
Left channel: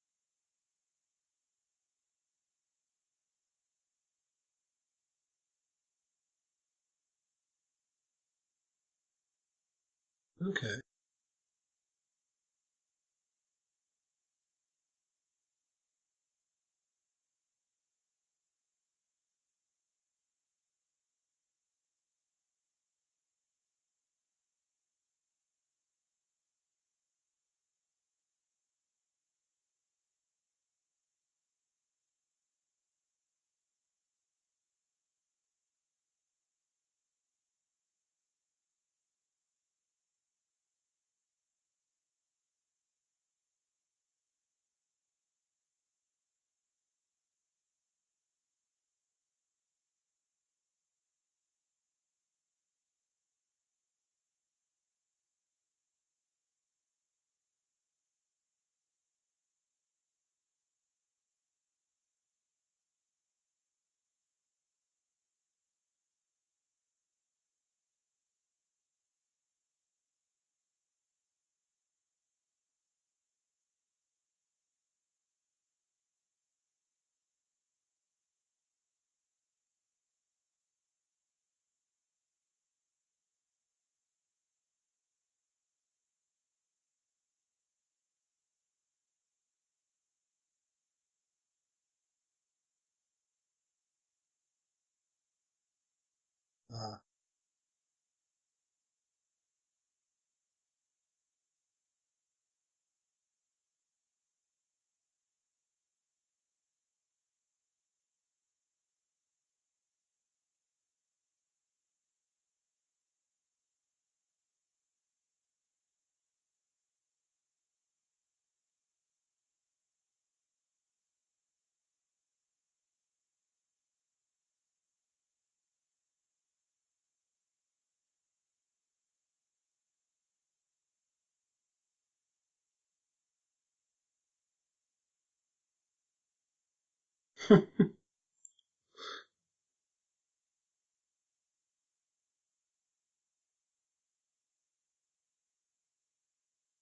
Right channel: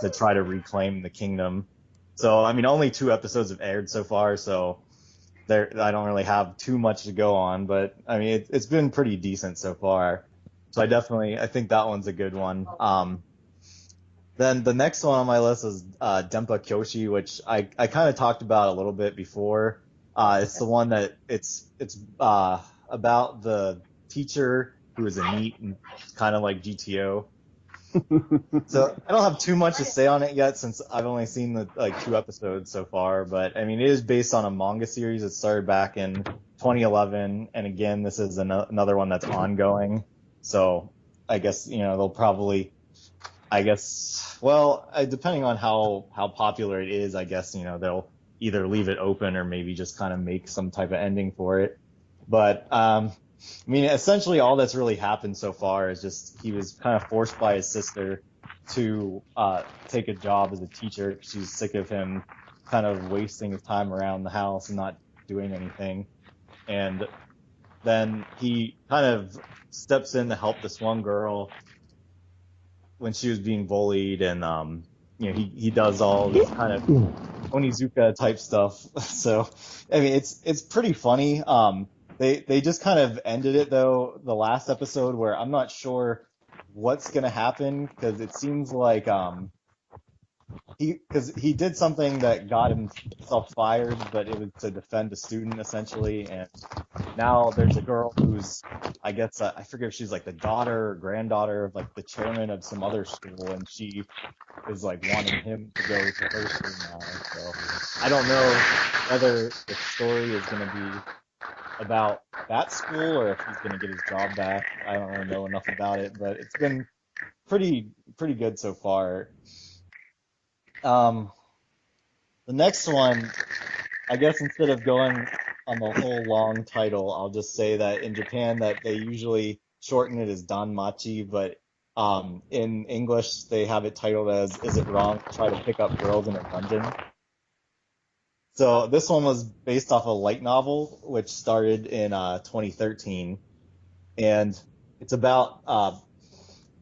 to try to reclaim the kingdom. So, I mean, only 2 episodes have aired so far, so I don't really have too much to go on, but I mean, it's been pretty decent so far. Okay. So I think that one's a good one. Then the next one on my list is Denpa Kyoshi, which I kind of talked about a little bit before. It's the one that it's about the teacher who is a NEET, and kind of like GTO. So I don't have too much to say on it yet, since I've only seen the 2 episodes so far. But I mean, it is based on a manga series that started back in 2011, and again, this is another one that's ongoing. So I guess they'll probably, depending on how popular it is, I guess they'll either leave it open or maybe just kind of make some type of ending for it. But I mean, essentially all that's really happened so far is just he was kind of forced by his sister to take a job as a teacher. She's sick of him kind of wasting his time around the house and not doing anything. And then he kind of steps in to help this one girl when she was being bullied, and he does all this kind of Onizuka type stuff. So I mean, it's pretty funny. They just kind of ended it though, the last episode, where I'm not sure what's gonna happen, because it seems like he did something that got himself fired, but it was to defend a student essentially, and now there's a girl who's, I guess, I forget if she's like the daughter or granddaughter of like the chairman of some other school, and she is like wanting him to go to her school now. So I don't know whether the story is gonna be about that school or if he's gonna get his job back. I don't really know enough about it, but it's been pretty good so far. The next one, I guess instead of going on the whole long title, I'll just say that in Japan that they usually shorten it as Danmachi, but in English they have it titled as "Is It Wrong to Try to Pick Up Girls in a Dungeon?" So this one was based off a light novel, which started in 2013, and it's about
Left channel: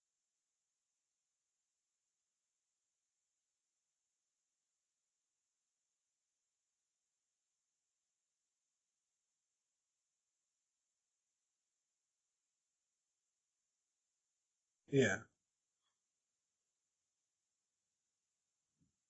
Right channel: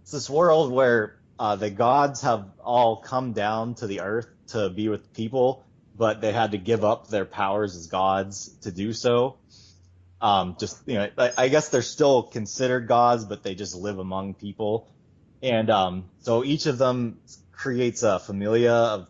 it's this world where the gods have all come down to the earth to be with people, but they had to give up their powers as gods to do so. I guess they're still considered gods, but they just live among people. Yeah. And so each of them creates a familia of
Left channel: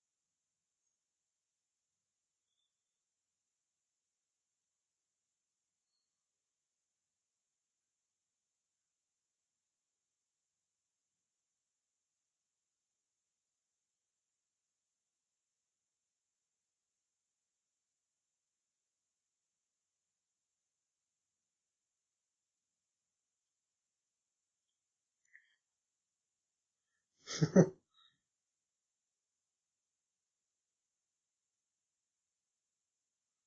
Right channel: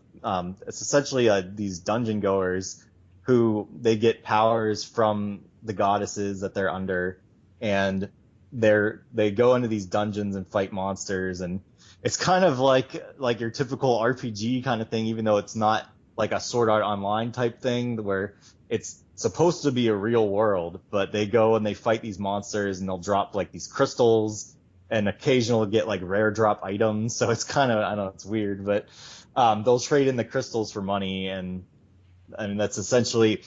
it's essentially these dungeon goers who they get powers from the goddesses that they're under, and they go into these dungeons and fight monsters, and it's kind of like your typical RPG kind of thing, even though it's not like a Sword Art Online type thing where it's supposed to be a real world, but they go and they fight these monsters, and they'll drop like these crystals, and occasionally get like rare drop items. So it's kind of, I don't know, it's weird, but they'll trade in the crystals for money, and I mean that's essentially.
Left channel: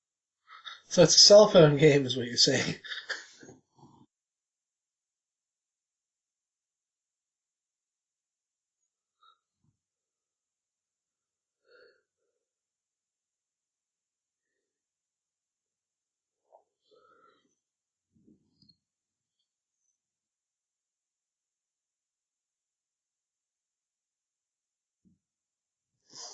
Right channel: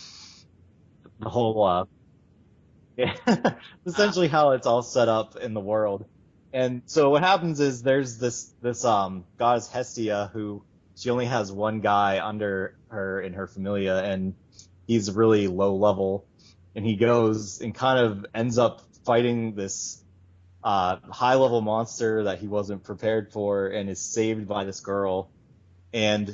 So it's a cell phone game, is what you're saying. Yeah, essentially how it's all set up in the world. And so what happens is there's this goddess Hestia, who she only has one guy under her in her familia, and he's really low level, and he goes and kind of ends up fighting this high level monster that he wasn't prepared for, and is saved by this girl. And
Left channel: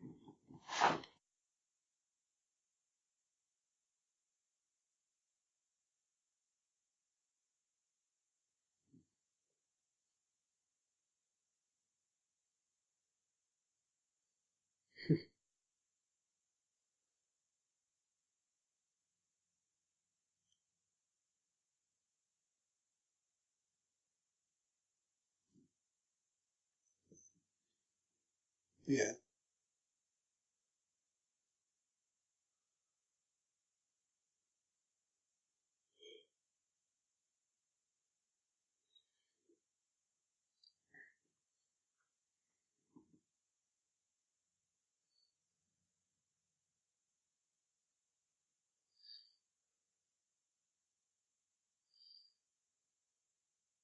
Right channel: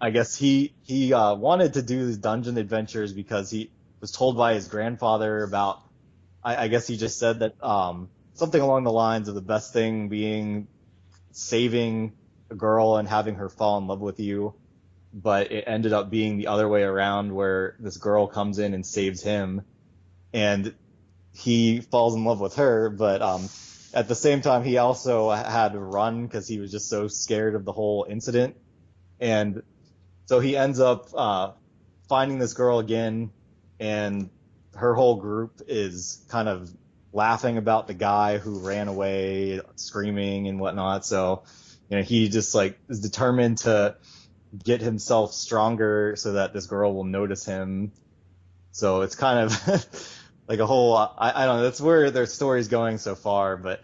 I guess he wanted to do these dungeon adventures because he was told by his grandfather about I guess he just said that something along the lines of the best thing being saving a girl and having her fall in love with you, but it ended up being the other way around, where this girl comes in and saves him, and he falls in love with her, but at the same time he also had to run because he was just so scared of the whole incident. Yeah. And so he ends up finding this girl again, and her whole group is kind of laughing about the guy who ran away, screaming and whatnot. So, he just like is determined to get himself stronger so that this girl will notice him. So it's kind of like a whole, I don't know, that's where their story's going so far, but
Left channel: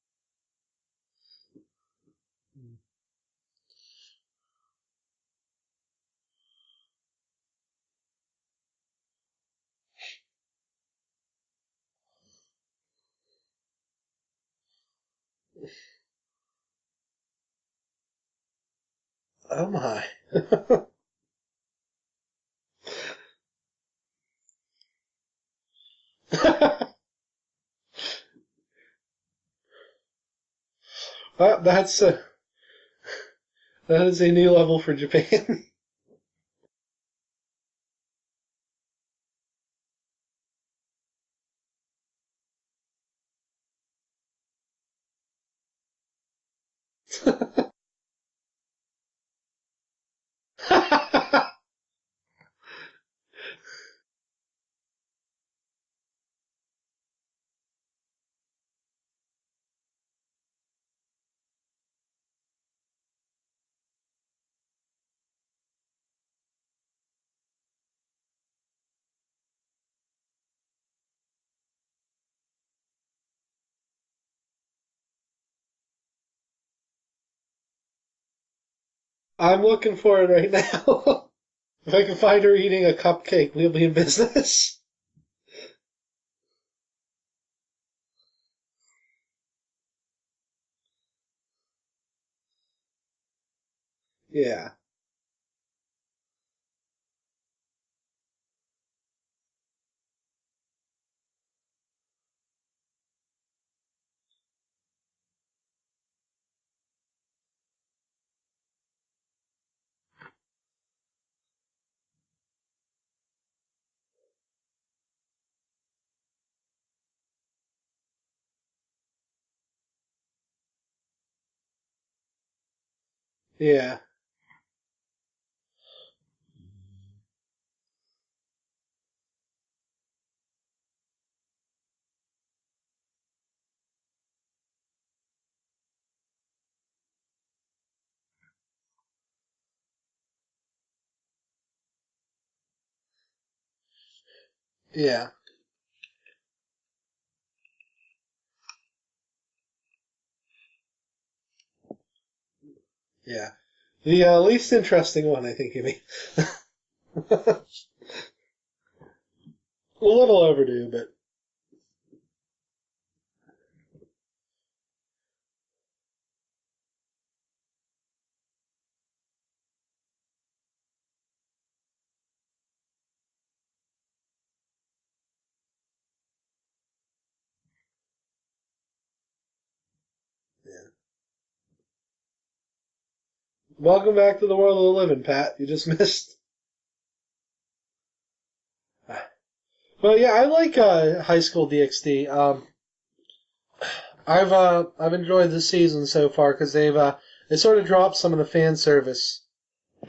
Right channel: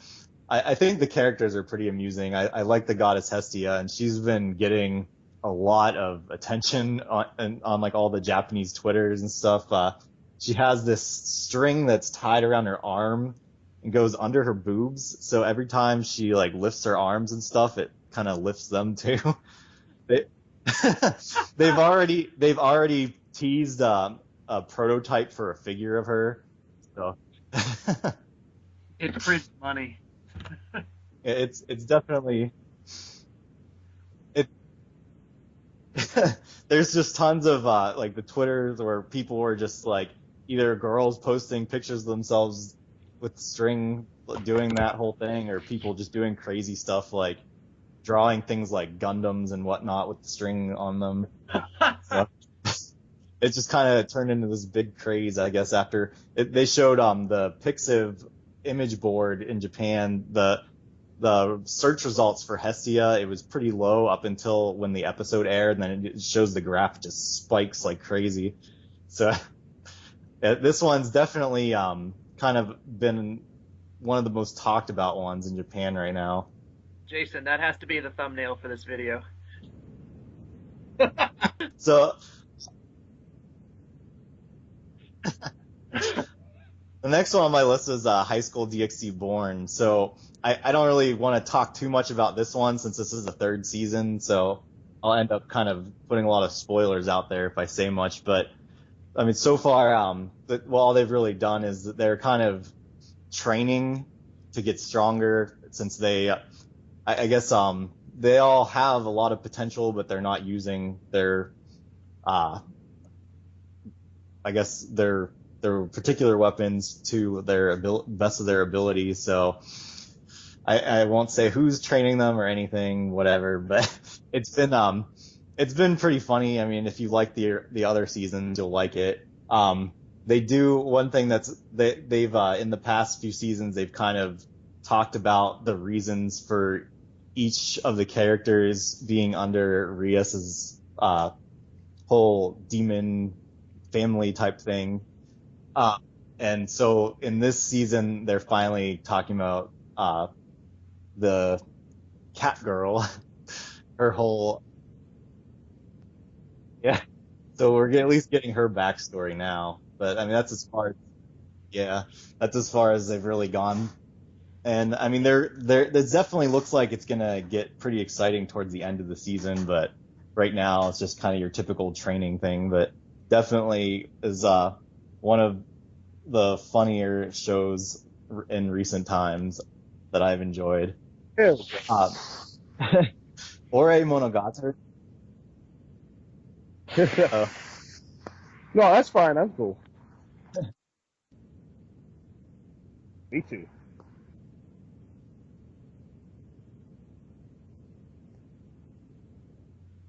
I think the characters are pretty amusing. I like the goddess Hestia, and she's been getting a lot of attention on like all the Japanese Twitters and stuff. She has this string that's tied around her arm and goes under her boobs, so every time she like lifts her arms and stuff, it kind of lifts them too. Oh my! They've already teased a prototype for a figure of her. So. It prints money. That's definitely. That is a new level for Japan. There's just tons of like the Twitters where people were just like either girls posting pictures of themselves with the string doing that whole thing, or people just doing crazy stuff like drawing things like Gundams and whatnot with the string on them. So, it just kind of turned into this big craze, I guess, after they showed the Pixiv image board in Japan, the search results for Hestia, it was pretty low up until when the episode aired, and then it shows the graph just spikes like crazy. So this one's definitely kind of been one of the most talked about ones in Japan right now. Jason, that has to be the thumbnail for this video. I'm looking for it right now. So if I can find her eating a cupcake, we'll be in business. The next one on my list is High School DxD Born. So I don't really want to talk too much about this one since this is the third season. So yeah. I'll end up kind of putting a lot of spoilers out there if I say much. But I mean, so far, all they've really done is that they're kind of training to get stronger, since they, I guess, they all have a lot of potential, but they're not using their, I guess their particular weapons to their best of their ability. So I won't say who's training them or anything, whatever. Yeah. But it's been pretty funny. I mean, if you like the other seasons, you'll like it. They do one thing they've in the past few seasons, they've kind of talked about the reasons for each of the characters being under Rias's whole demon family type thing. Yeah. And so in this season, they're finally talking about the cat girl. Yeah. The least interesting one, I think you mean. Yeah. So we're at least getting her backstory now. But, a little overdue, but. Yeah, that's as far as they've really gone. And I mean, it definitely looks like it's gonna get pretty exciting towards the end of the season. But right now, it's just kind of your typical training thing. But definitely is one of the funnier shows in recent times that I've enjoyed. Welcome back to the world of the living, Pat. You just missed. No, that's fine. That's cool. But yeah, I like High School DxD. Me too. I've enjoyed this season so far because they sort of dropped some of the fan service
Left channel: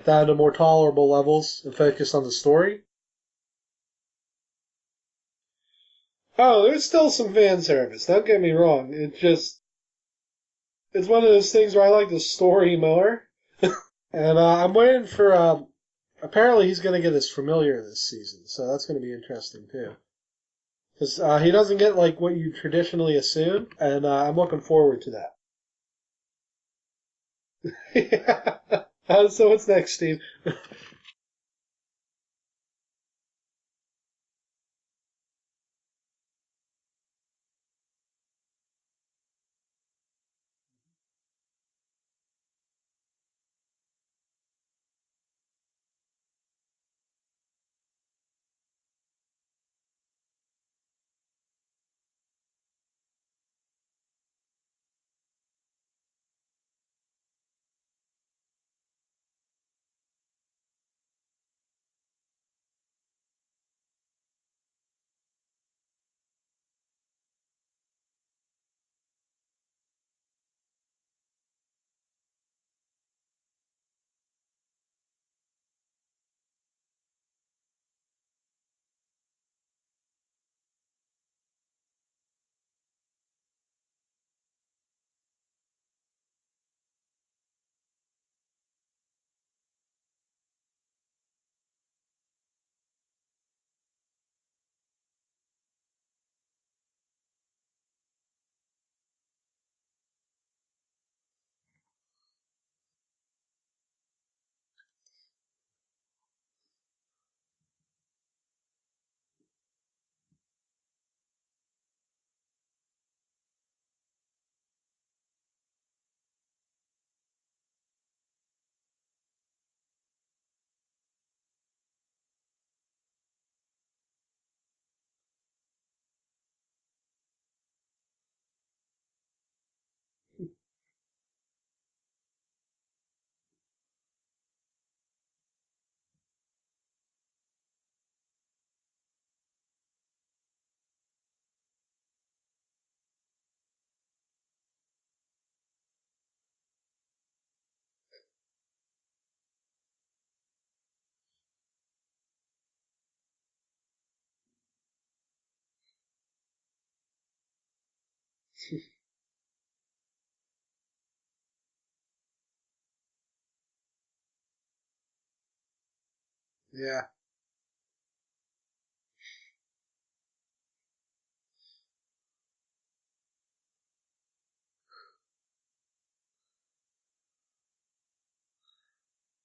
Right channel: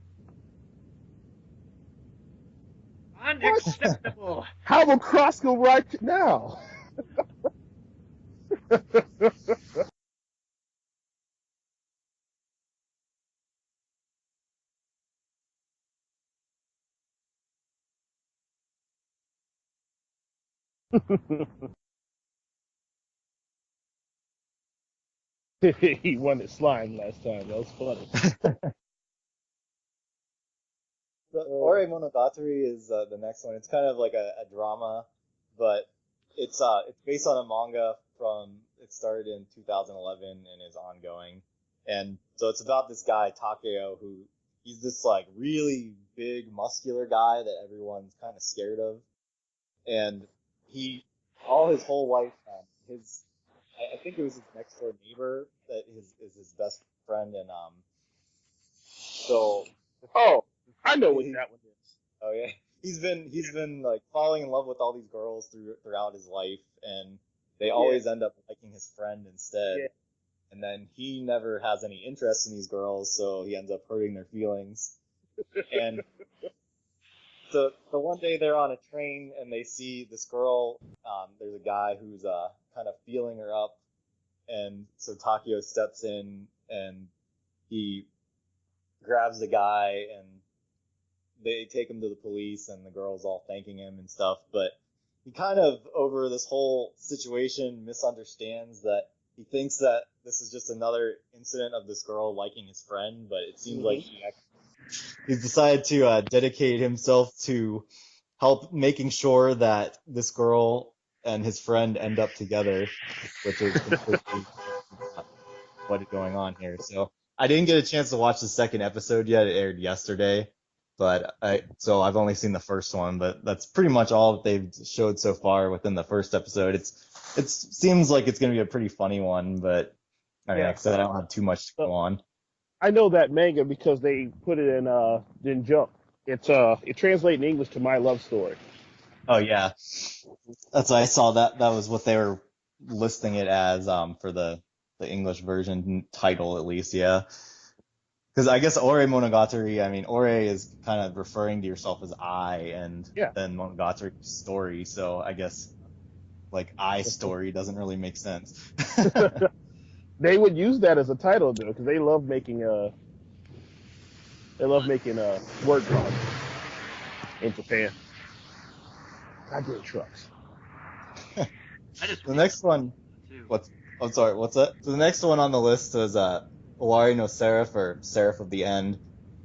down to more tolerable levels and focused on the story. Unacceptable. How will Cross go right now? Oh, there's still some fan service. Don't get me wrong. It's one of those things where I like the story more. And I'm waiting for. Apparently, he's going to get his familiar this season, so that's going to be interesting too. 'Cause, he doesn't get like what you traditionally assume, and I'm looking forward to that. He won at slime last time. That was funny. So what's next, Steve? Ore Monogatari is the next one. It's kind of like a drama, but it's based on a manga it started in 2011 and is ongoing. And so it's about this guy, Takeo, who he's this like really big muscular guy that everyone's kind of scared of. And all his whole life I think it was his next door neighbor that is his best friend, and so Oh, I know what he, that one is. oh yeah, he's been like falling in love with all these girls throughout his life, and they always end up liking his friend instead. Yeah. And then he never has any interest in these girls, so he ends up hurting their feelings. And the one day they're on a train and they see this girl. There's a guy who's kind of feeling her up, and so Takeo steps in and he grabs the guy and they take him to the police, and the girl's all thanking him and stuff. But he kind of, over this whole situation, misunderstands that he thinks that this is just another incident of this girl liking his friend, but it seems like he's decided to dedicate himself to help making sure that this girl and his friend end up together, which is completely what is going on here. So I didn't get a chance to watch the second episode yet. It aired yesterday, but so I've only seen the first one, but that's pretty much all that they've showed so far within the first episode. It seems like it's going to be a pretty funny one, but I mean, like I said, I don't have too much to go on. I know that manga because they put it in Jump. It translates in English to My Love Story. Oh yeah, that's I saw that was what they were listing it as for the English version title, at least. Yeah, because I guess Ore Monogatari, I mean, Ore is kind of referring to yourself as I, and then Monogatari story, so I guess like I story doesn't really make sense. They would use that as a title though, because they love making word clouds. Yeah. In Japan. Goddamn trucks. The next one. I'm sorry. What's that? So the next one on the list is Owari no Seraph, or Seraph of the End.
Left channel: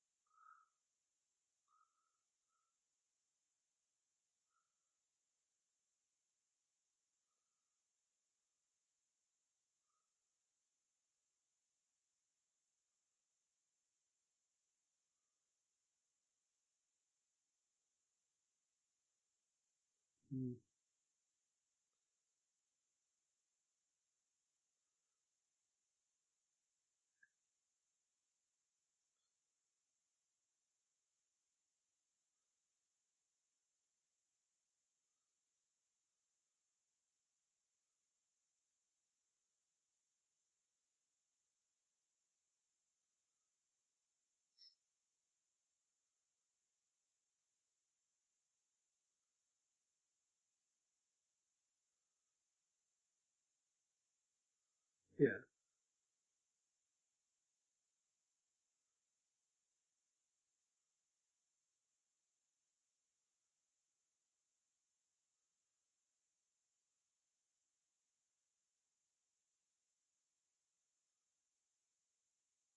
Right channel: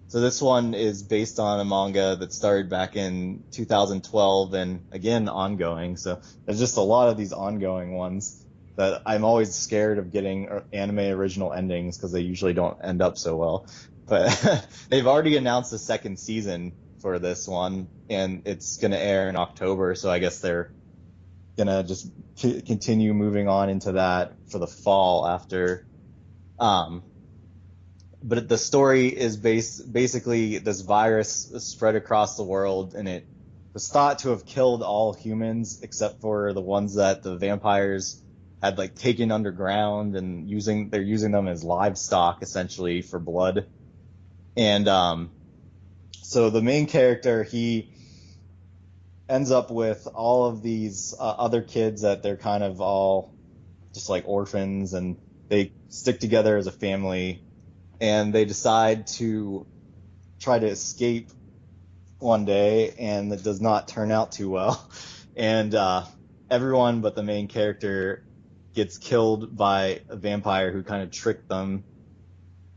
So this one is based on a manga that started back in 2012 and again ongoing. So there's just a lot of these ongoing ones that I'm always scared of getting anime original endings because they usually don't end up so well. But they've already announced the second season for this one, and it's going to air in October. So I guess they're going to just continue moving on into that for the fall after. But the story is basically this virus spread across the world, and it was thought to have killed all humans except for the ones that the vampires had like taken underground, and they're using them as livestock essentially for blood. And so the main character, he ends up with all of these other kids that they're kind of all just like orphans, and they stick together as a family, and they decide to try to escape one day, and it does not turn out too well. And everyone but the main character gets killed by a vampire who kind of tricked them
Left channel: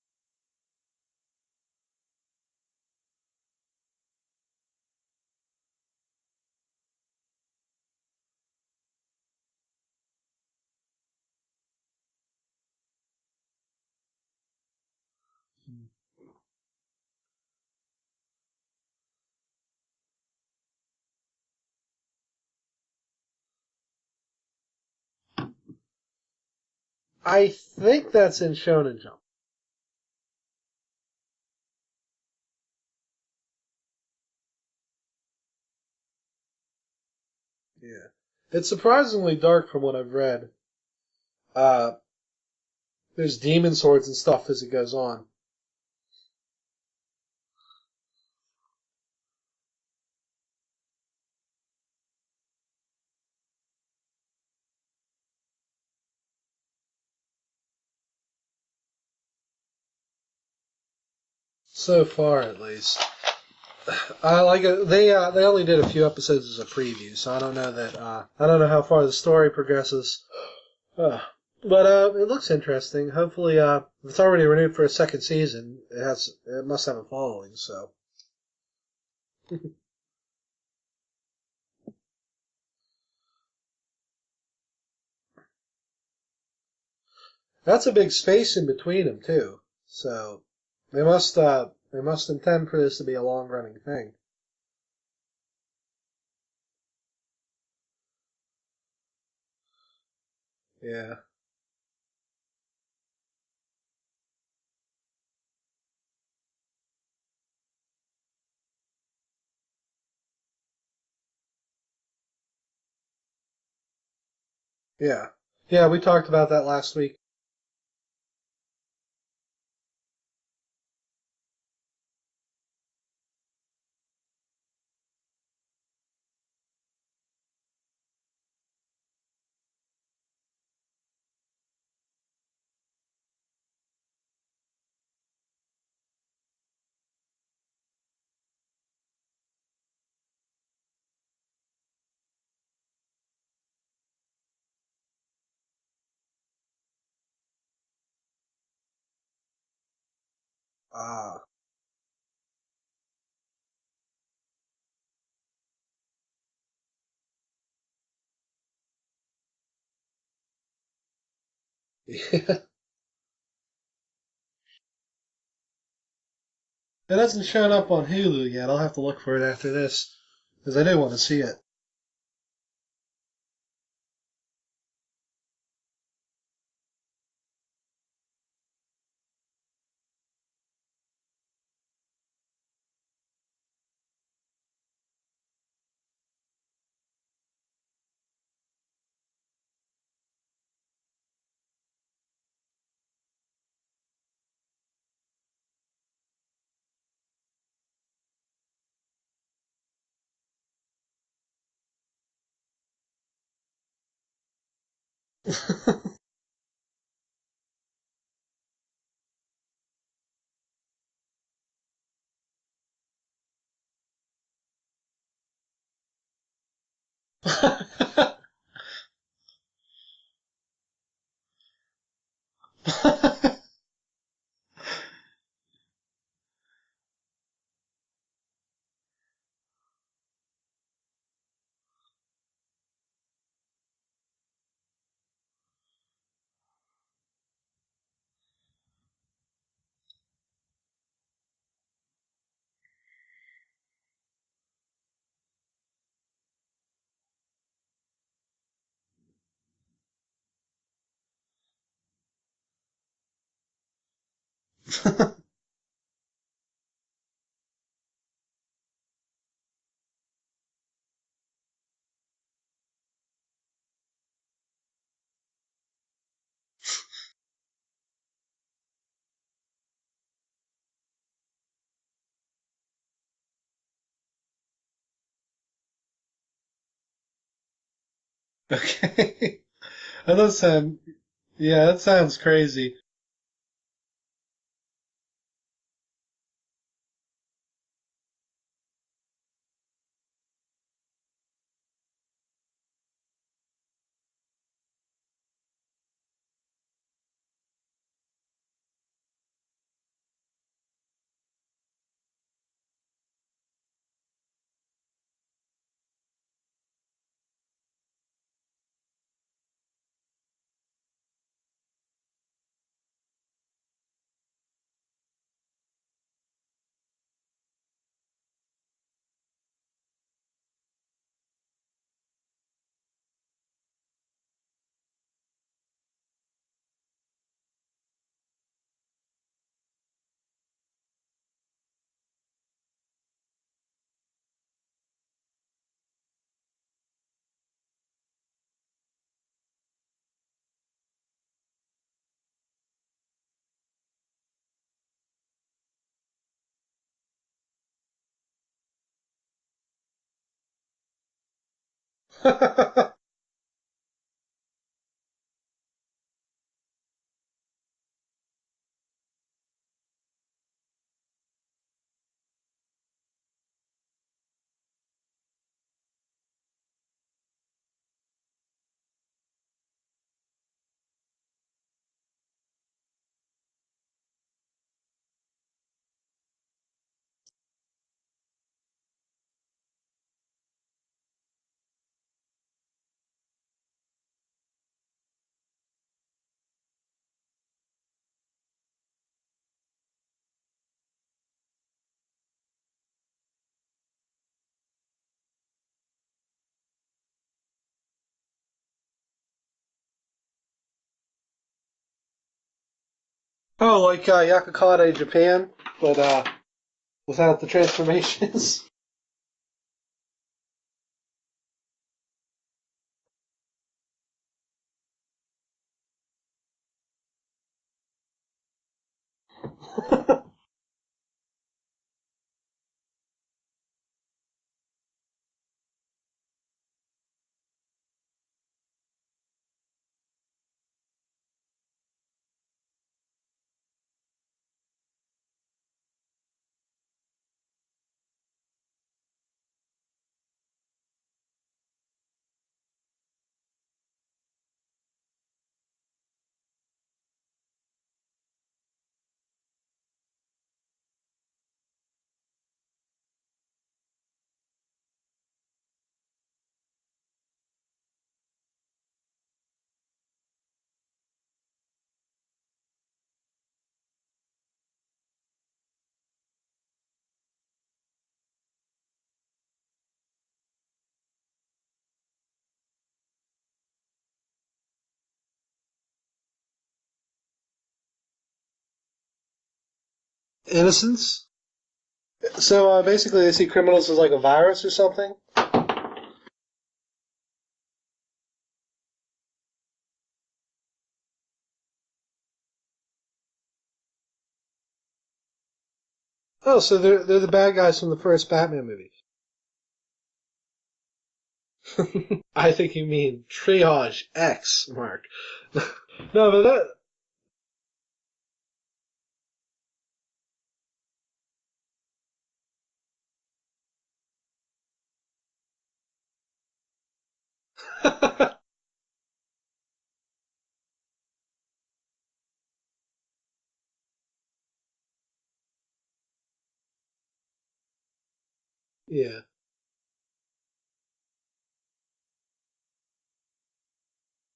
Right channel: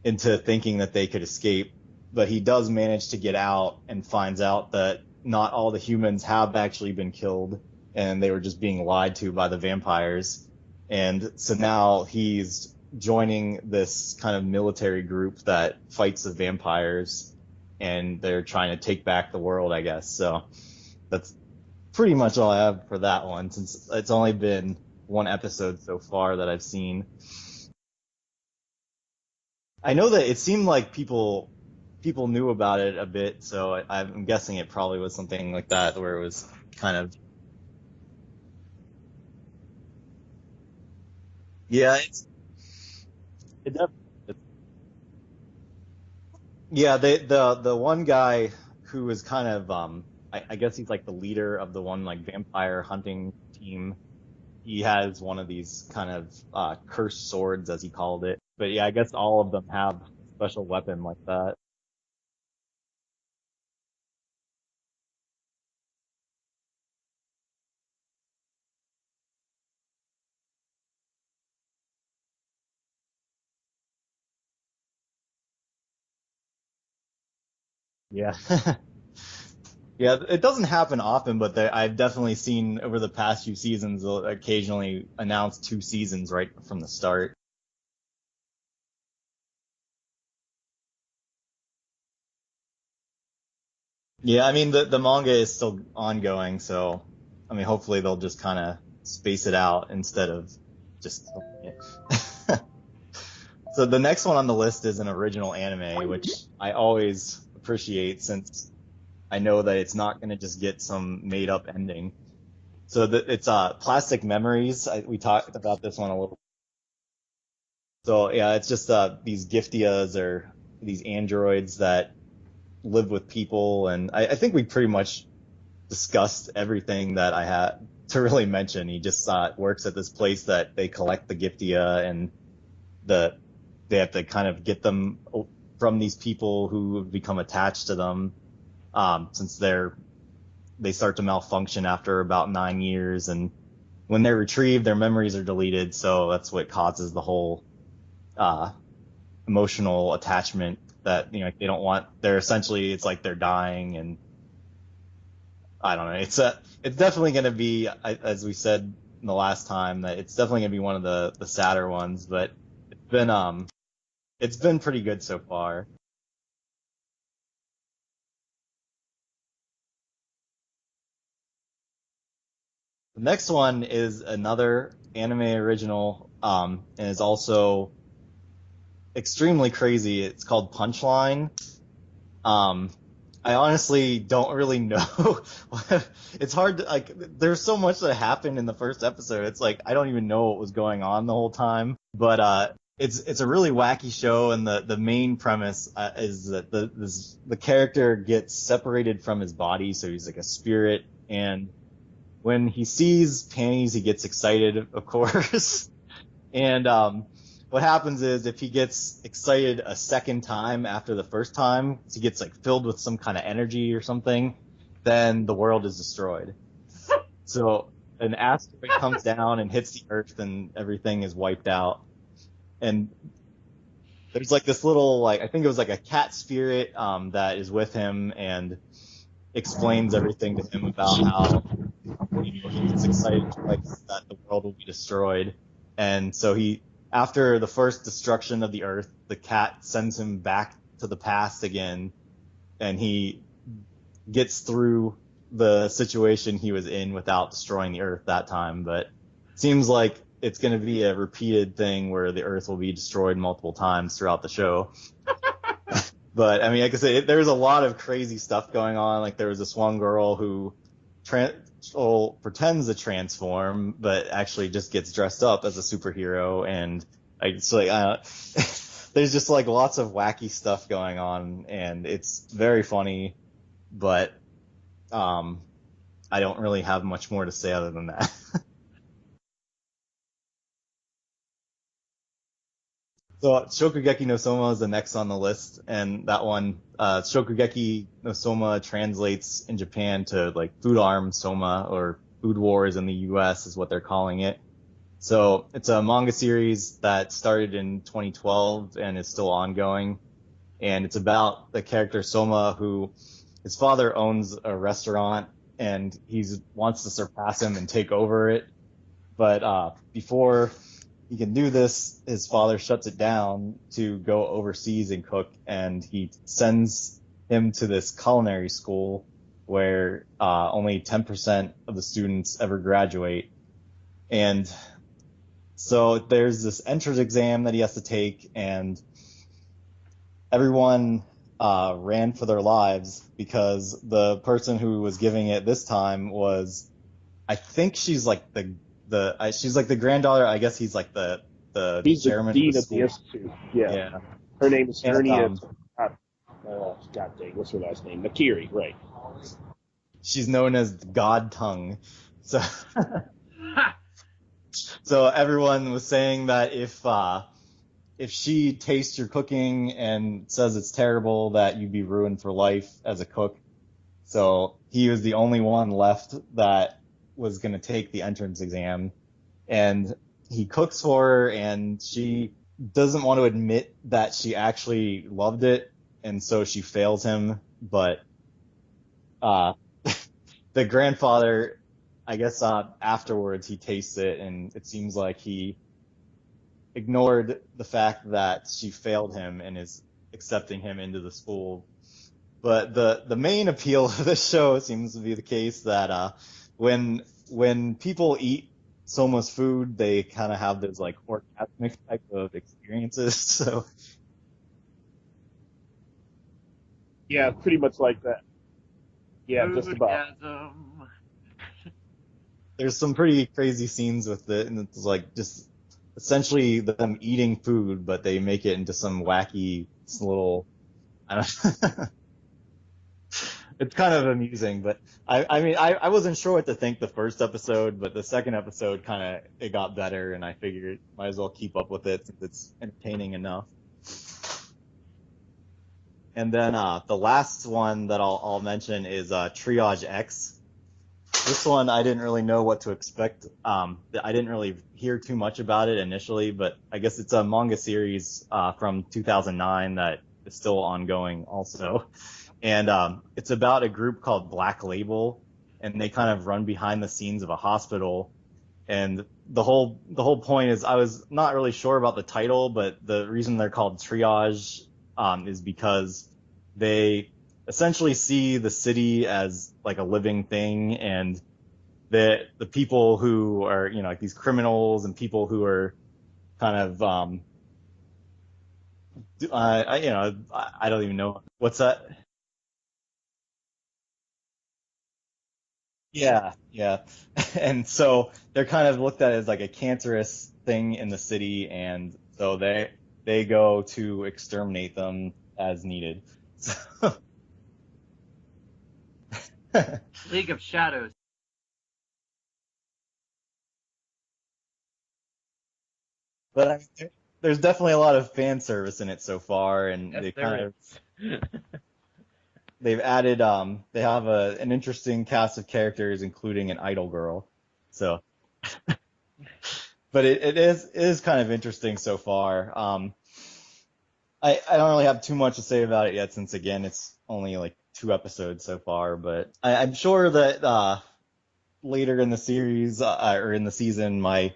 into thinking that they could escape. But he does manage to get out and finds out that not all the humans have actually been killed, and they were just being lied to by the vampires. And so now he's joining this kind of military group that fights the vampires, and they're trying to take back the world, I guess. So that's pretty much all I have for that one, since it's only been one episode so far that I've seen. I think that's in Shonen Jump. I know that it seemed like people knew about it a bit, so I'm guessing it probably was something like that, where it was kind of... Yeah. It's surprisingly dark from what I've read. There's demon swords and stuff as it goes on. Yeah, the one guy who is kind of, I guess he's like the leader of the one like vampire hunting team. He has one of these kind of cursed swords, as he called it. But yeah, I guess all of them have a special weapon like that. So far, at least. They only did a few episodes as a preview, so I don't know that I don't know how far the story progresses. But it looks interesting. Hopefully, if it's already renewed for a second season, it must have a following. So yeah. Yeah, it doesn't happen often, but I've definitely seen over the past few seasons, they'll occasionally announce 2 seasons right from the start. That's a big space in between them too. So they must intend for this to be a long running thing. Yeah, I mean the manga is still ongoing, so I mean hopefully they'll just kind of space it out instead of Yeah. Just so the next one on the list is an original anime, which I always appreciate since I know that it's not going to just get some made up ending. So it's Plastic Memories. We talked about Yeah, this we one talked about that last week. So yeah, it's just these Giftias or these androids that live with people, and I think we pretty much discussed everything that I had to really mention. He just works at this place that they collect the Giftia, and they have to kind of get them from these people who have become attached to them, since they start to malfunction after about 9 years, and when they're retrieved, their memories are deleted. So that's what causes the whole emotional attachment that they don't want. They're essentially, it's like they're dying, and I don't know. It's definitely going to be, as we said the last time, that it's definitely going to be one of the sadder ones, but it's been pretty good so far. It hasn't shown up on Hulu yet. I'll have to look for it after this because I do want to see it. The next one is another anime original, and is also extremely crazy. It's called Punchline. I honestly don't really know. It's hard to, like, there's so much that happened in the first episode. It's like I don't even know what was going on the whole time. But it's a really wacky show, and the main premise is that the character gets separated from his body, so he's like a spirit, and when he sees panties, he gets excited, of course. And what happens is, if he gets excited a second time after the first time, he gets like filled with some kind of energy or something, then the world is destroyed. So an asteroid comes down and hits the Earth, and everything is wiped out. And there's like this little, like, I think it was like a cat spirit that is with him and explains everything to him about how he gets excited twice that the world will be destroyed. And so after the first destruction of the Earth, the cat sends him back to the past again, and he gets through the situation he was in without destroying the Earth that time. But it seems like it's going to be a repeated thing where the Earth will be destroyed multiple times throughout the show. But I mean, like I said, there's a lot of crazy stuff going on. Like, there was this one girl who pretends to transform, but actually just gets dressed up as a superhero, and it's like there's just like lots of wacky stuff going on, and it's very funny, but I don't really have much more to say other than that. Okay. That sounds crazy. So Shokugeki no Soma is the next on the list, and that one, Shokugeki no Soma translates in Japan to like Food Arm Soma, or Food Wars in the US is what they're calling it. So it's a manga series that started in 2012 and is still ongoing, and it's about the character Soma, who his father owns a restaurant, and he wants to surpass him and take over it, but before he can do this, his father shuts it down to go overseas and cook, and he sends him to this culinary school where only 10% of the students ever graduate. And so there's this entrance exam that he has to take, and everyone ran for their lives because the person who was giving it this time was, I think she's like she's like the granddaughter. I guess he's like the He's chairman the dean of the of the school. institute. Yeah. Yeah. Her name is And, Hernia. God dang, what's her last name? Nakiri, right? She's known as God Tongue. So, so everyone was saying that if she tastes your cooking and says it's terrible, that you'd be ruined for life as a cook. So he was the only one left that was going to take the entrance exam, and he cooks for her, and she doesn't want to admit that she actually loved it, and so she fails him. But the grandfather, I guess, afterwards he tastes it, and it seems like he ignored the fact that she failed him and is accepting him into the school. But the main appeal of this show seems to be the case that when people eat Soma's food, they kind of have those like orgasmic type of experiences. So Oh, like Yakakade Japan, but without the pretty much like that. transformations. Yeah, just about. Foodgasm. there's some pretty crazy scenes with it, and it's like just essentially them eating food, but they make it into some wacky little. I don't. It's kind of amusing, but I mean, I wasn't sure what to think the first episode, but the second episode it got better, and I figured might as well keep up with it since it's entertaining enough. And then the last one that I'll mention is Triage X. This one I didn't really know what to expect. I didn't really hear too much about it initially, but I guess it's a manga series from 2009 that is still ongoing also. And it's about a group called Black Label, and they kind of run behind the scenes of a hospital. And the whole point is, I was not really sure about the title, but the reason they're called Triage is because they essentially see the city as like a living thing, and the people who are, like these criminals and people who are kind of I don't even know what's that. So basically, they see criminals as like a virus or something. Yeah. And so they're kind of looked at as like a cancerous thing in the city, and so they go to exterminate them as needed. Oh, so they're the bad guys from the first Batman movie. League of Shadows. I think you mean Triage X, Mark. No, but there's definitely a lot of fan service in it so far, and Yes, they there kind is. of they've added they have an interesting cast of characters, including an idol girl. So, but it is kind of interesting so far. I don't really have too much to say about it yet, since again it's only like 2 episodes so far. Yeah. But I'm sure that later in the series or in the season, my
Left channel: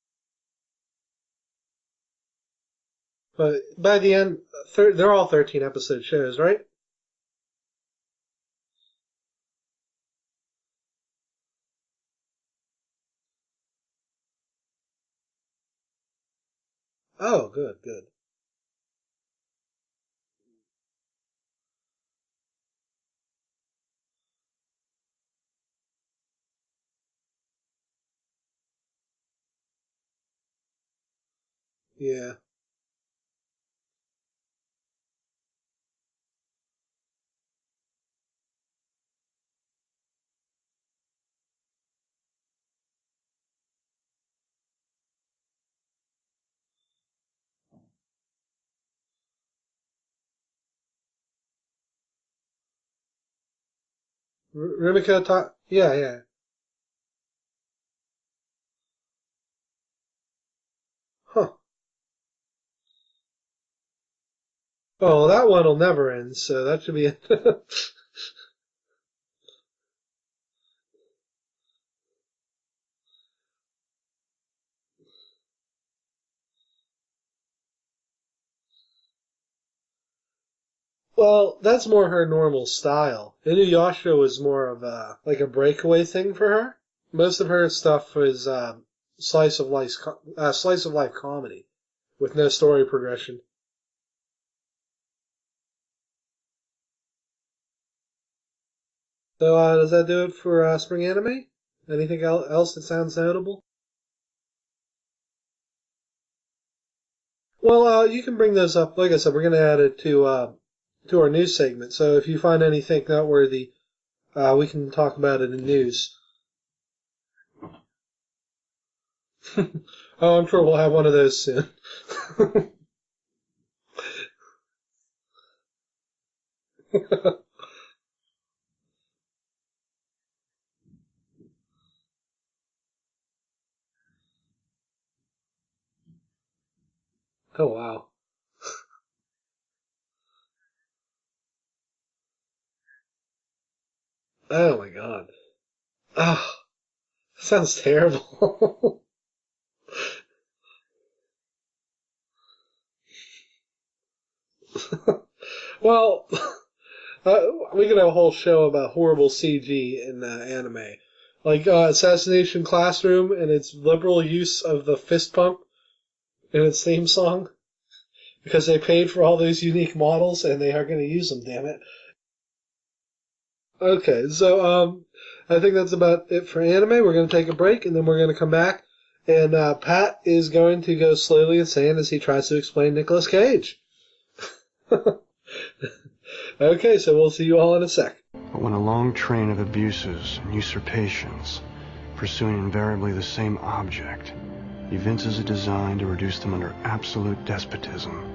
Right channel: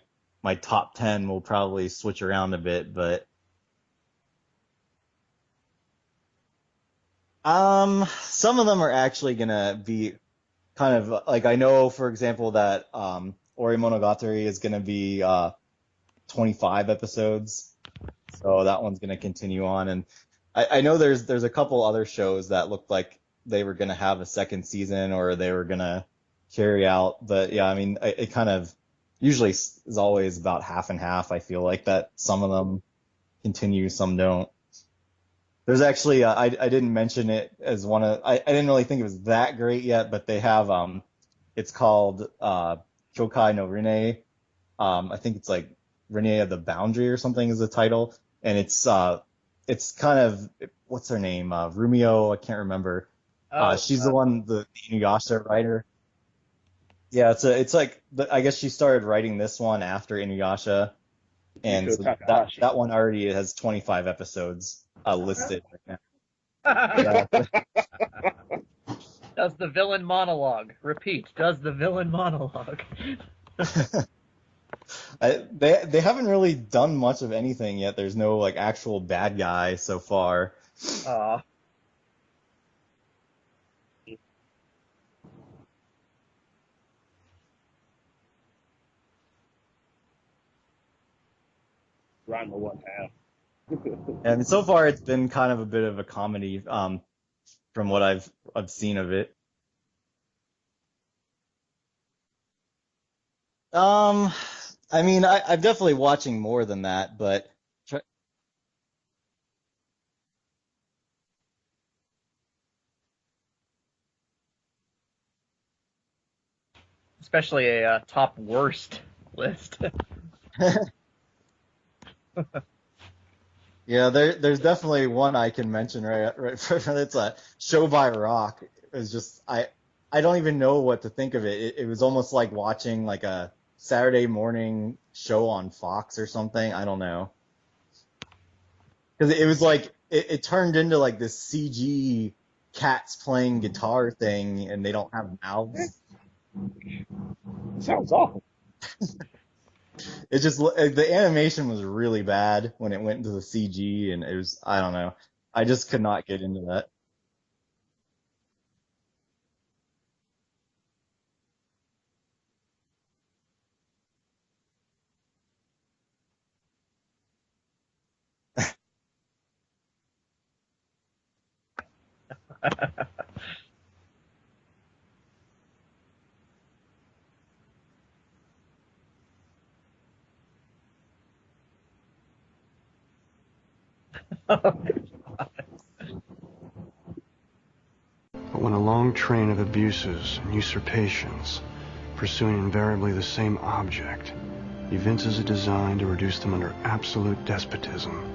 top 10 will probably switch around a bit. But by the end, they're all 13-episode shows, right? some of them are actually gonna be kind of like, I know, for example, that Ori Monogatari is gonna be 25 episodes. Oh, good. So that one's gonna continue on, and I know there's a couple other shows that looked like they were gonna have a second season, or they were gonna carry out. But yeah, I mean, it kind of usually is always about half and half. I feel like that. Yeah. Some of them continue, some don't. There's actually I didn't mention it as one of, I didn't really think it was that great yet, but they have it's called Kyokai no Rene. I think it's like Rene of the Boundary or something is the title, and it's kind of, what's her name? Rumio, I can't remember. She's the one, the Inuyasha writer. Yeah. Yeah, it's like, I guess she started writing this one after Inuyasha, Huh. and so that one already has 25 episodes. Oh, that one will never end, so that could be... Does the villain monologue. Repeat, does the villain monologue. They haven't really done much of anything yet. There's no like actual bad guy so far. Well, that's more her normal style. Inuyasha was more of a breakaway thing for her. Most of her stuff was slice of life comedy with no story progression. And so far, it's been kind of a bit of a comedy, from what I've seen of it. So does that do it for Spring Anime? Anything else that sounds notable? I mean, I'm definitely watching more than that, but... Well, you can bring those up. Like I said, we're going to add it to our news segment. So if you find anything noteworthy, we can talk about it in news. Especially a top worst list. Oh, I'm sure we'll have one of those soon. Yeah, there's definitely one I can mention right. It's a Show by Rock. It was just, I don't even know what to think of it. It was almost like watching like a Saturday morning show on Fox or something. I don't know. Oh, wow. Because it was like, it turned into like this CG cats playing guitar thing, and they don't have mouths. Oh, sounds terrible. It just, the animation was really bad when it went into the CG, and it was, I don't know. I just could not get into that. We could have a whole show about horrible CG in anime. like Assassination Classroom and its liberal use of the fist pump in its theme song because they paid for all those unique models and they are going to use them, damn it. Okay, so I think that's about it for anime. We're going to take a break and then we're going to come back. And Pat is going to go slowly insane as he tries to explain Nicolas Cage. Okay, so we'll see you all in a sec. But when a long train of abuses and usurpations, pursuing invariably the same object, evinces a design to reduce them under absolute despotism,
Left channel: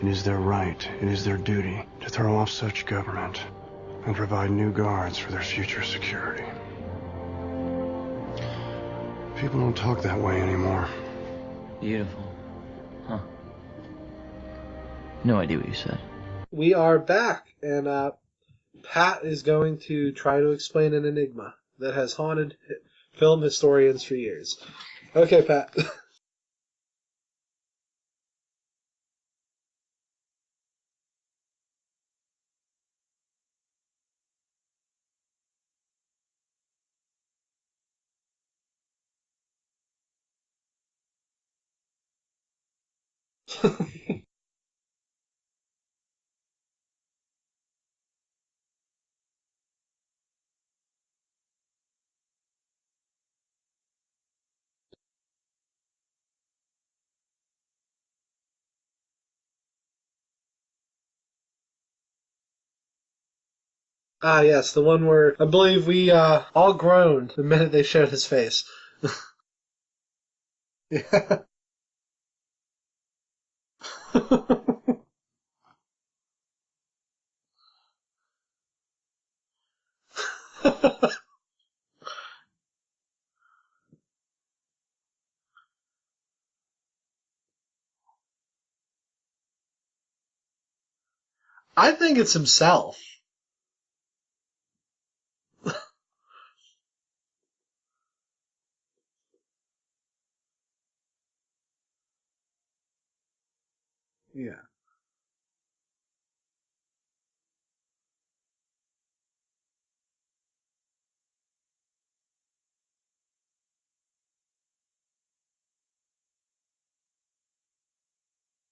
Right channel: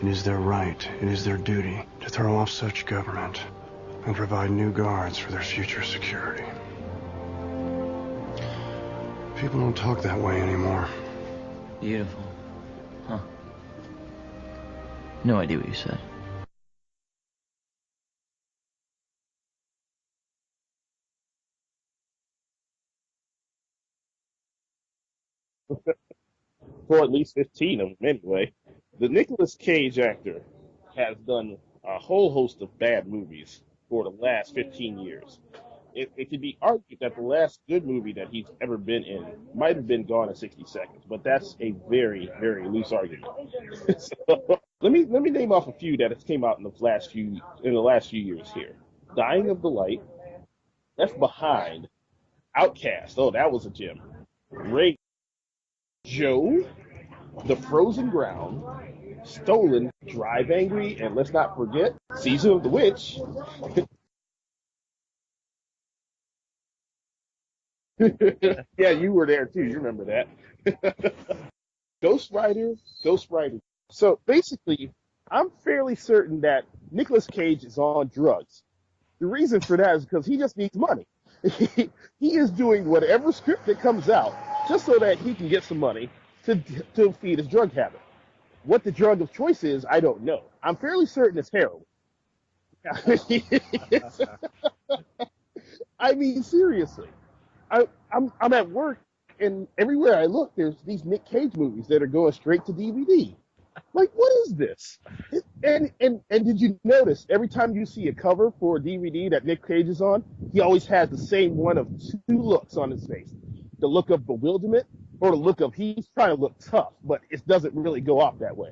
it is their right, it is their duty to throw off such government and provide new guards for their future security. People don't talk that way anymore. Beautiful. Huh. No idea what you said. We are back, and Pat is going to try to explain an enigma that has haunted film historians for years. Okay, Pat. For at least 15 of them, anyway. The Nicolas Cage actor has done a whole host of bad movies for the last 15 years. It could be argued that the last good movie that he's ever been in might have been Gone in 60 Seconds, but that's a very, very loose argument. So, let me name off a few that has came out in the last few years here. Dying of the Light, Left Behind, Outcast. Oh, that was a gem. Ray, Joe, The Frozen Ground, Stolen, Drive Angry, and let's not forget Season of the Witch. Ah, yes, the one where I believe we all groaned the minute they showed his face. Yeah, you were there too. You remember that. Ghost Rider. So basically, I'm fairly certain that Nicolas Cage is on drugs. The reason for that is because he just needs money. He is doing whatever script that comes out just so that he can get some money to feed his drug habit. What the drug of choice is, I don't know. I'm fairly certain it's heroin. I think it's himself. I mean, seriously. I'm at work, and everywhere I look, there's these Nick Cage movies that are going straight to DVD. Like, what is this? And did you notice, every time you see a cover for a DVD that Nick Cage is on, he always has the same one of two looks on his face. The look of bewilderment, or the look of he's trying to look tough, but it doesn't really go off that way.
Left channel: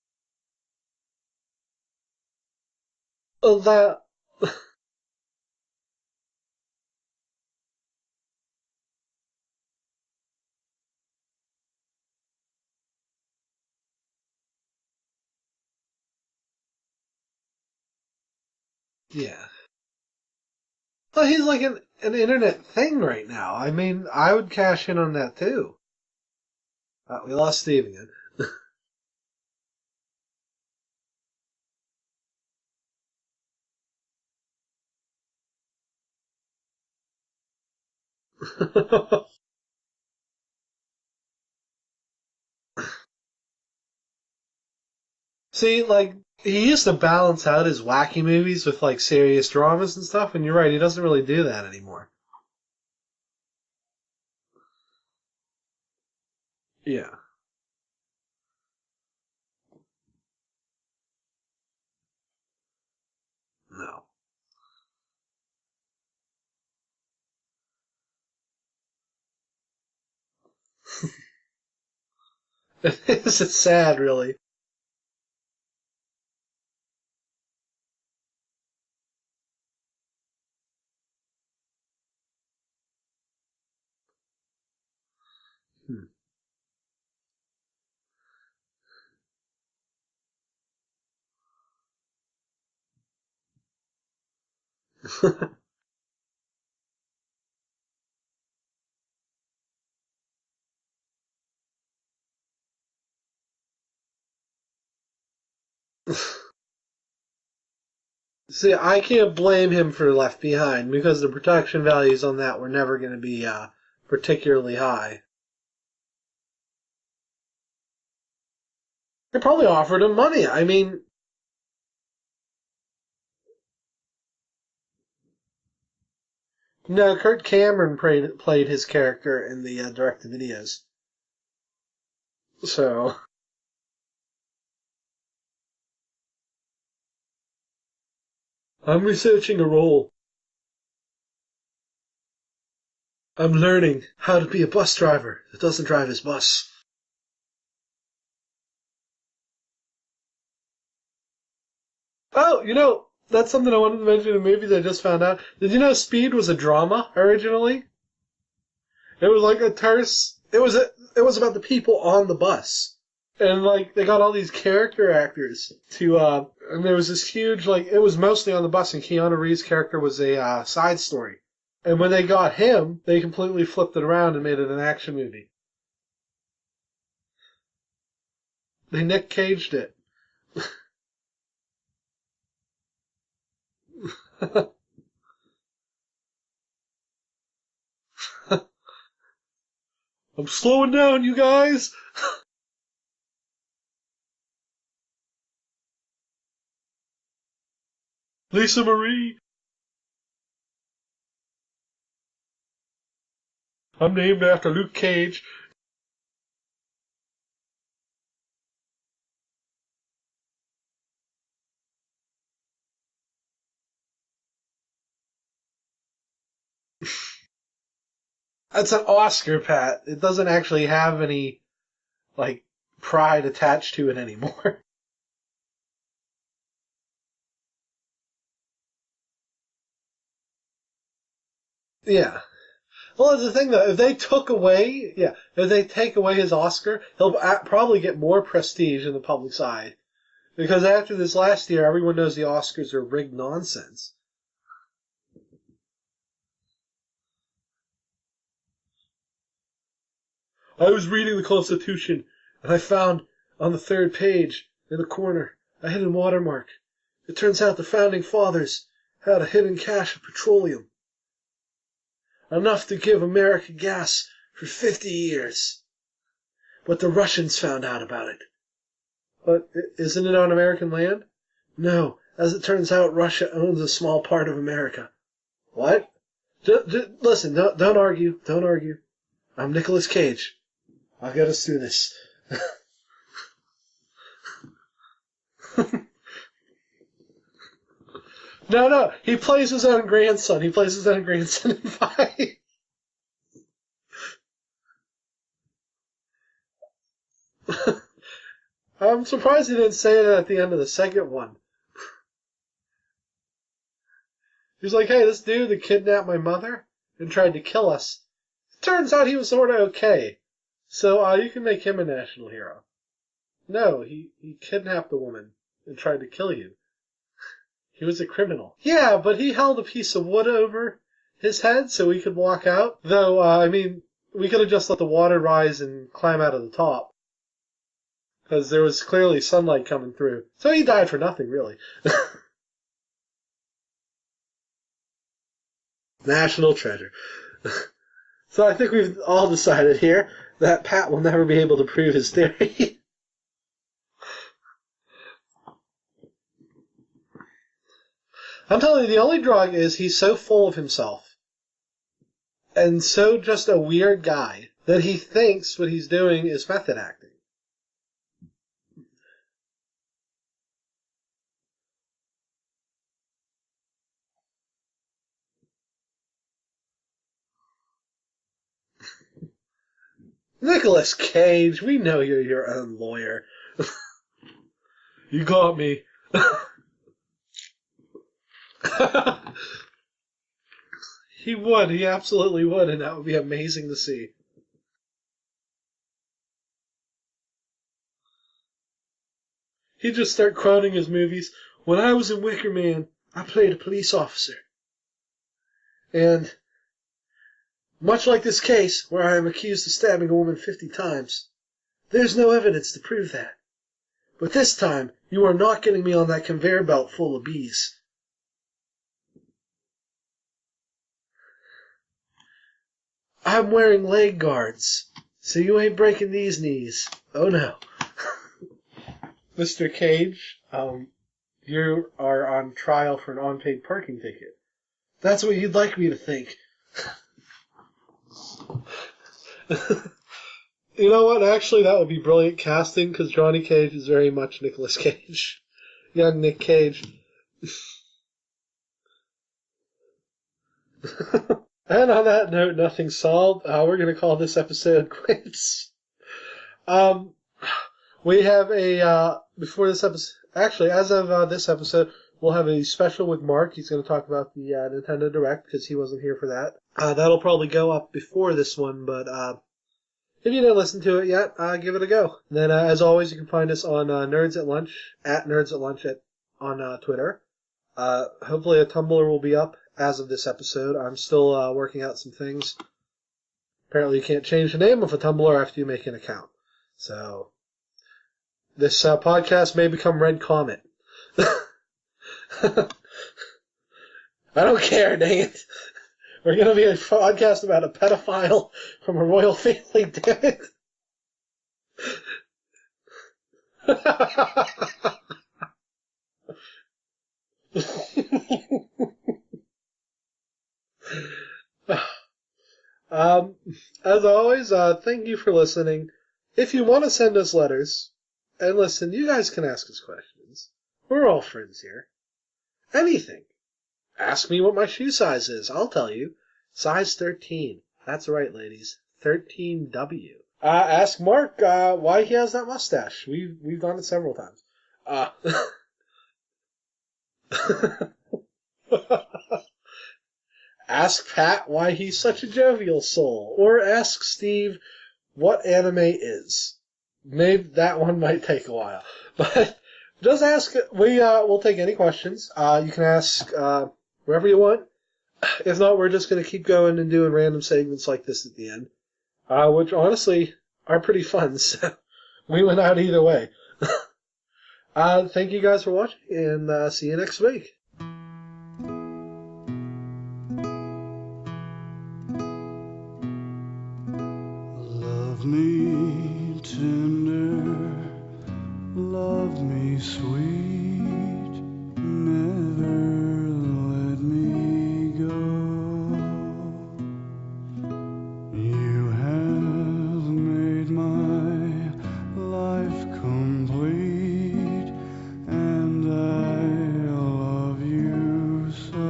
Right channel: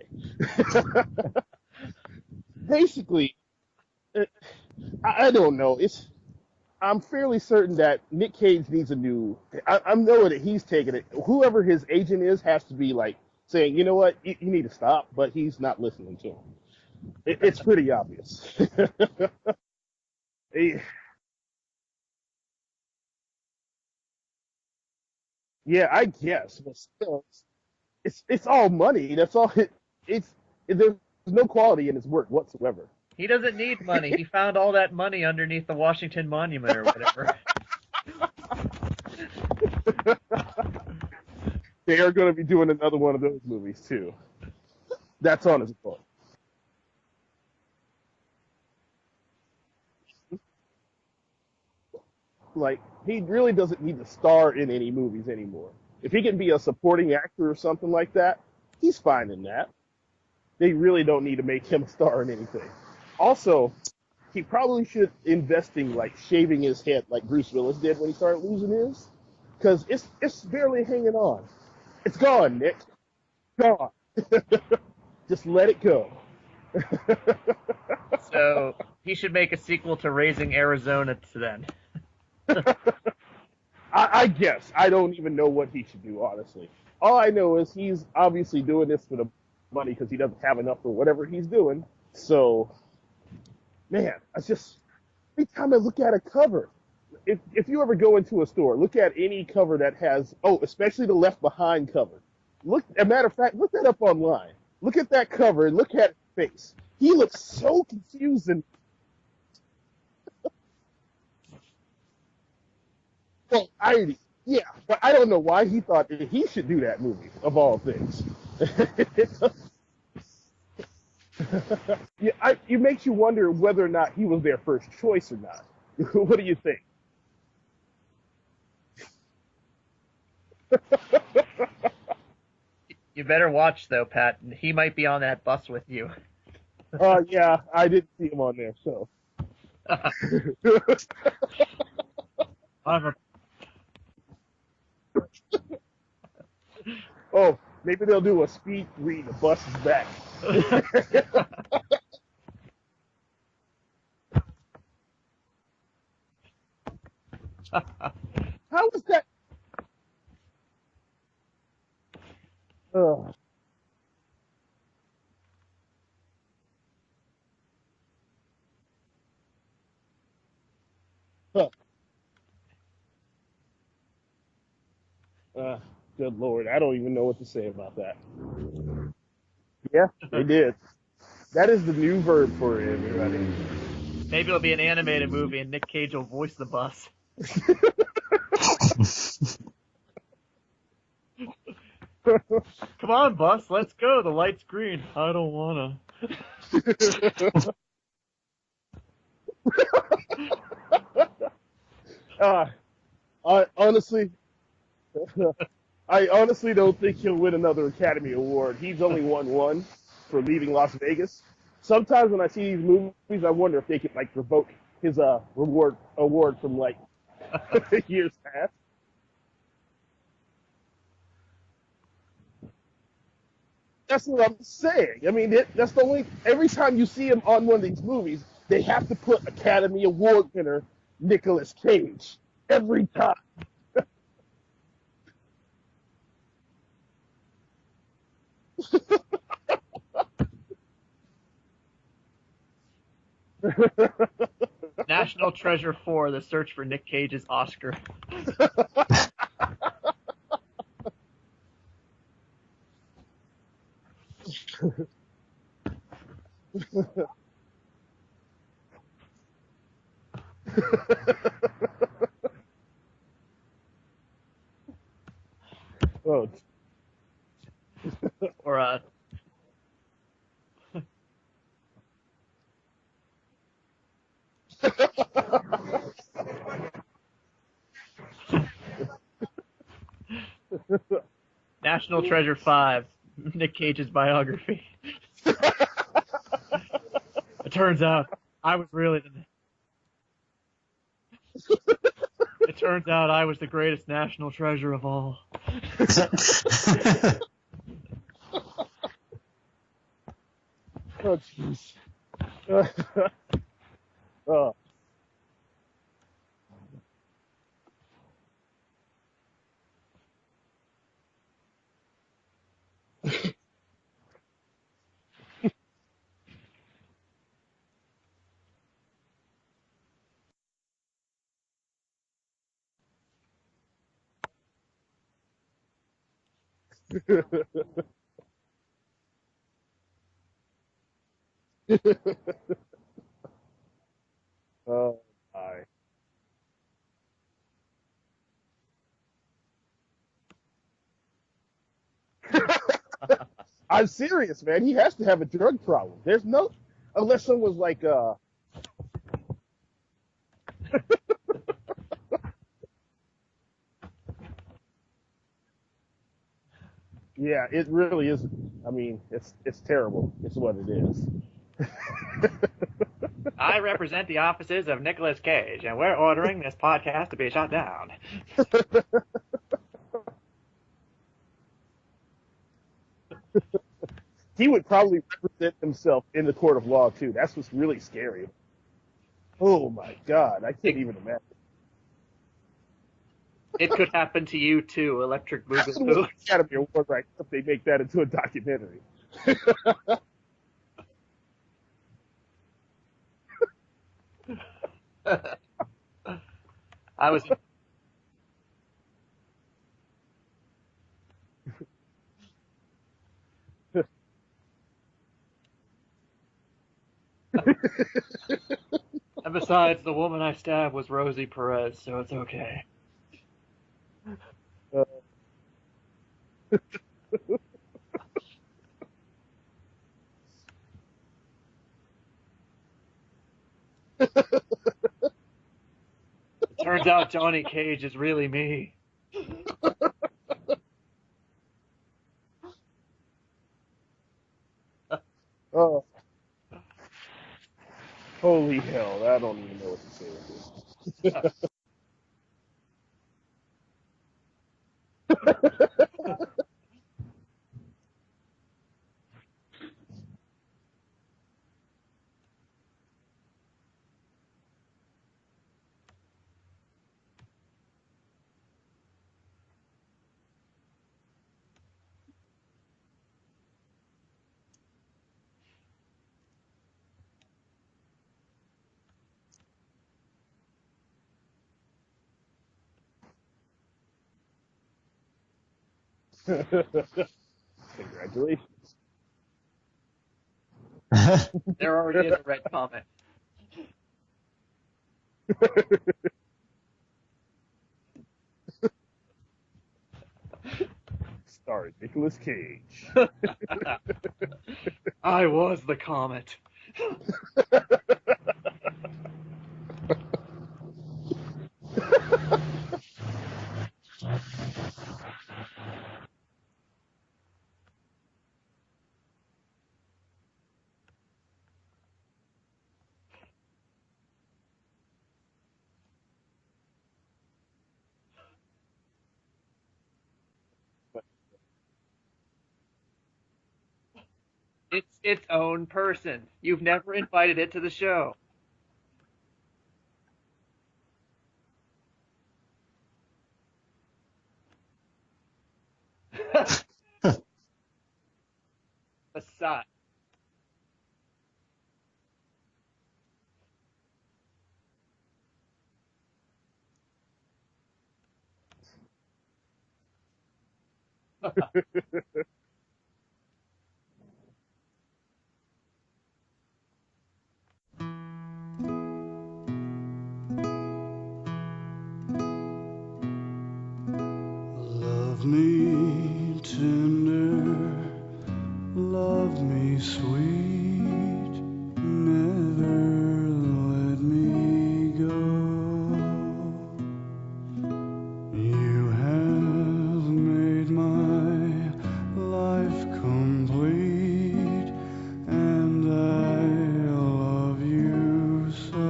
Basically, I don't know. I'm fairly certain that Nick Cage needs a new. I'm knowing that he's taking it. Whoever his agent is has to be like saying, you know what, you need to stop, but he's not listening to him. It's pretty obvious. Yeah. Well, he's like an internet thing right now. I mean, I would cash in on that too. Yeah, I guess. But still, we lost Steve again. It's all money. That's all. There's no quality in his work whatsoever. He doesn't need money. He found all that money underneath the Washington Monument or whatever. They are going to be doing another one of those movies too. That's on. See, like, he used to balance out his wacky movies with like serious dramas and stuff, and you're right, he doesn't really do that anymore. Like, he really doesn't need to star in any movies anymore. If he can be a supporting actor or something like that, he's fine in that. They really don't need to make him a star in anything. Also, he probably should invest in like shaving his head like Bruce Willis did when he started losing his, because it's barely hanging on. It's gone, Nick. It's sad, really. Just let it go. So he should make a sequel to Raising Arizona then. I guess. I don't even know what he should do, honestly. All I know is he's obviously doing this for the money because he doesn't have enough for whatever he's doing. So, man, I just, every time I look at a cover, if you ever go into a store, look at any cover that has, especially the Left Behind cover. As a matter of fact, look that up online. Look at that cover and look at his face. He looks so confused. See, I can't blame him for Left Behind because the production values on that were never going to be particularly high. I don't know why he thought that he should do that movie, of all things. They probably offered him money. I mean... it makes you wonder whether or not he was their first choice or not. What do you think? No, Kirk Cameron played his character in the direct-to-videos. So... You better watch, though, Pat. He might be on that bus with you. Yeah, I didn't see him on there. I'm researching a role. I'm learning how to be a bus driver who doesn't drive his bus. Oh, maybe they'll do a speed read. The bus is back. Oh, you know, that's something I wanted to mention in a movie that I just found out. Did you know Speed was a drama originally? How was that? It was like a terse. It was about the people on the bus, and like they got all these character actors to. And there was this huge it was mostly on the bus, and Keanu Reeves' character was a side story. Huh. And when they got him, they completely flipped it around and made it an action movie. Good Lord, I don't even know what to say about that. They Nick Caged it. Yeah, they did. That is the new verb for everybody. Maybe it'll be an animated movie and Nick Cage will voice the bus. I'm slowing down, you guys. Come on, bus, let's go. The light's green. I don't wanna. Lisa Marie. Honestly, I'm named after Luke Cage. I honestly don't think he'll win another Academy Award. He's only won one for leaving Las Vegas. Sometimes when I see these movies, I wonder if they could revoke his award from years past. That's an Oscar, Pat. It doesn't actually have any pride attached to it That's anymore. what I'm saying. I mean, that's the only. Every time you see him on one of these movies, they have to put Academy Award winner Nicolas Cage. Yeah. Every time. Well, that's the thing, though. If they take away his Oscar, he'll probably get more prestige in the public's eye. Because after this last year, everyone knows the Oscars are rigged nonsense. National Treasure 4, the search for Nick Cage's Oscar. I was reading the Constitution, and I found on the third page, in the corner, a hidden watermark. It turns out the Founding Fathers had a hidden cache of petroleum. Enough to give America gas for 50 years. Oh. But the Russians found out about it. But isn't it on American land? No. As it turns out, Russia owns a small part of America. What? Listen, don't argue. Don't argue. I'm Nicolas Cage. I'll get us through this. National Treasure 5, Nick Cage's biography. It turns out... he plays his own grandson. He plays his own grandson in 5. It turns out I was the greatest national treasure of all. I'm surprised he didn't say that at the end of the second one. He's like, hey, this dude that kidnapped my mother and tried to kill us, turns out he was sort of okay. So you can make him a national hero. No, he kidnapped a woman and tried to kill you. He was a criminal. Yeah, but he held a piece of wood over his head so he could walk out. Though, we could have just let the water rise and climb out of the top. Because there was clearly sunlight coming through. So he died for nothing, really. Oh, my. National treasure. So I think we've all decided here that Pat will never be able to prove his theory. I'm serious, man. He has to have a drug problem. There's no... Unless someone's I'm telling you, the only drug is he's so full of himself and so just a weird guy that he thinks what he's doing is method acting. Yeah, it really is. I mean, it's terrible. It's what it is. I represent the offices of Nicolas Cage, and we're ordering this podcast to be shut down. Nicolas Cage, we know you're your own lawyer. He would probably present himself in the court of law, too. That's what's really scary. Oh, my God. I can't even imagine. He would. He absolutely would, and that would be amazing It to could see. happen to you, too, Electric That's Boogaloo. gotta be a award, right, if they make that into a documentary. He'd just start quoting his movies. When I was in Wicker Man, I played a police officer. And I was... much like this case, where I am accused of stabbing a woman 50 times, there's no evidence to prove that. But this time, you are not getting me on that conveyor belt full of bees. And besides, the woman I stabbed was Rosie Perez, so it's okay. I'm wearing leg guards, so you ain't breaking these knees. Oh, no. Mr. Cage, you are on trial for an unpaid parking ticket. That's what you'd like me to think. Turns out Johnny Cage is really me. You know what? Actually, that would be brilliant casting, because Johnny Cage is very much Nicolas Cage. Oh, Young Nick Cage. holy hell. I don't even know what to say with this. And on that note, nothing solved. We're going to call this episode quits. We have before this episode, actually, as of this episode, we'll have a special with Mark. He's going to talk about the Nintendo Direct because he wasn't here for that. That'll probably go up before this one, but if you didn't listen to it yet, give it a go. And then, as always, you can find us on Nerds at Lunch, at Nerds at Lunch on Twitter. Hopefully a Tumblr will be up as of this episode. I'm still working out some things. Apparently you can't change the name of a Tumblr after you make an account. So, congratulations. This podcast may become Red Comet. There already is a Red Comet. I don't care, dang it. We're going to be a podcast about a pedophile from a royal family, damn it. Starring Nicolas Cage. I was the comet. As always, thank you for listening. If you want to send us letters, and listen, you guys can ask us questions. We're all friends here. Anything. Ask me what my shoe size is. I'll tell you. Size 13. That's right, ladies. 13W. Ask Mark why he has that mustache. We've done it several times. It's its own person. You've never invited it to the show. Ask Pat why he's such a jovial soul. Or ask Steve what anime is. Maybe that one might take a while. But just ask. We'll take any questions. You can ask wherever you want. If not, we're just going to keep going and doing random segments like this at the end. Which honestly are pretty fun. So we went out either way. Thank you guys for watching, and see you next week. Love me tender, love me sweet, never let me go. You have made my life complete, and I love you so.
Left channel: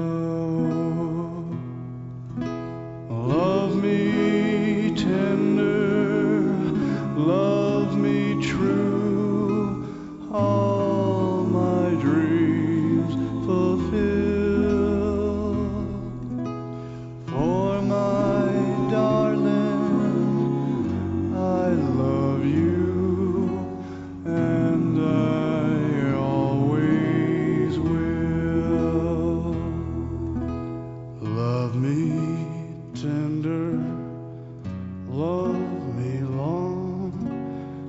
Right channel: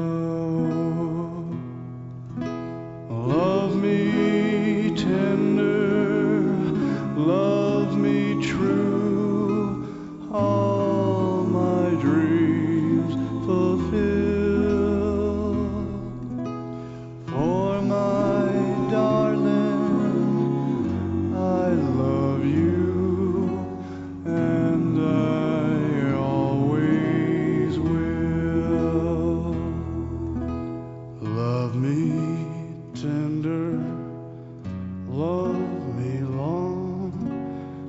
Love me tender, love me true, all my dreams fulfill. For my darling, I love you, and I always will. Love me tender, love me long,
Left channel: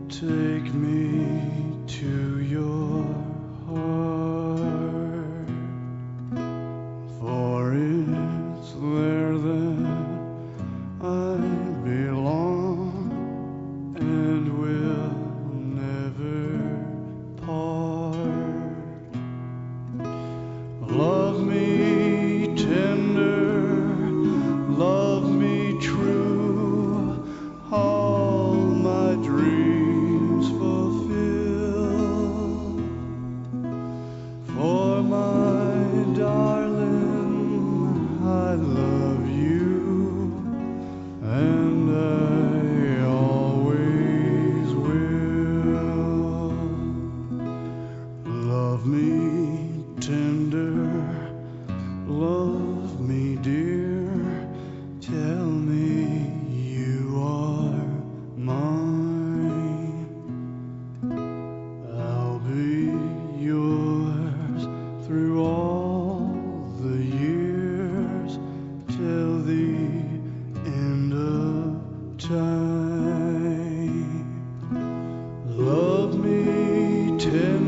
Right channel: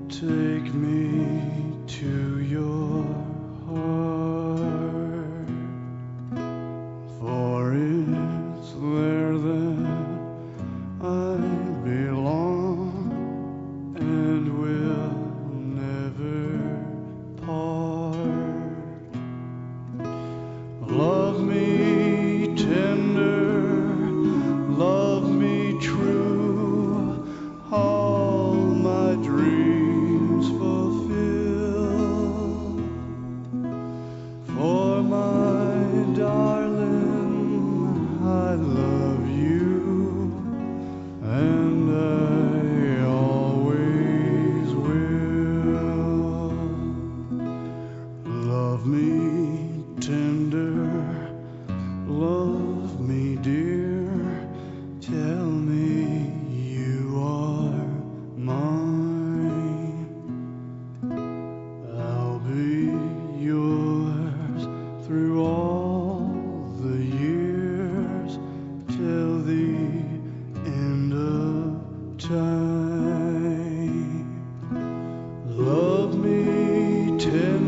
take me to your heart, for it's there that I belong and will never part. Love me tender, love me true, all my dreams fulfill. For my darling, I love you, and I always will. Love me tender, love me dear, tell me you are mine. I'll be yours through all the years, till the end of time. Love me tender,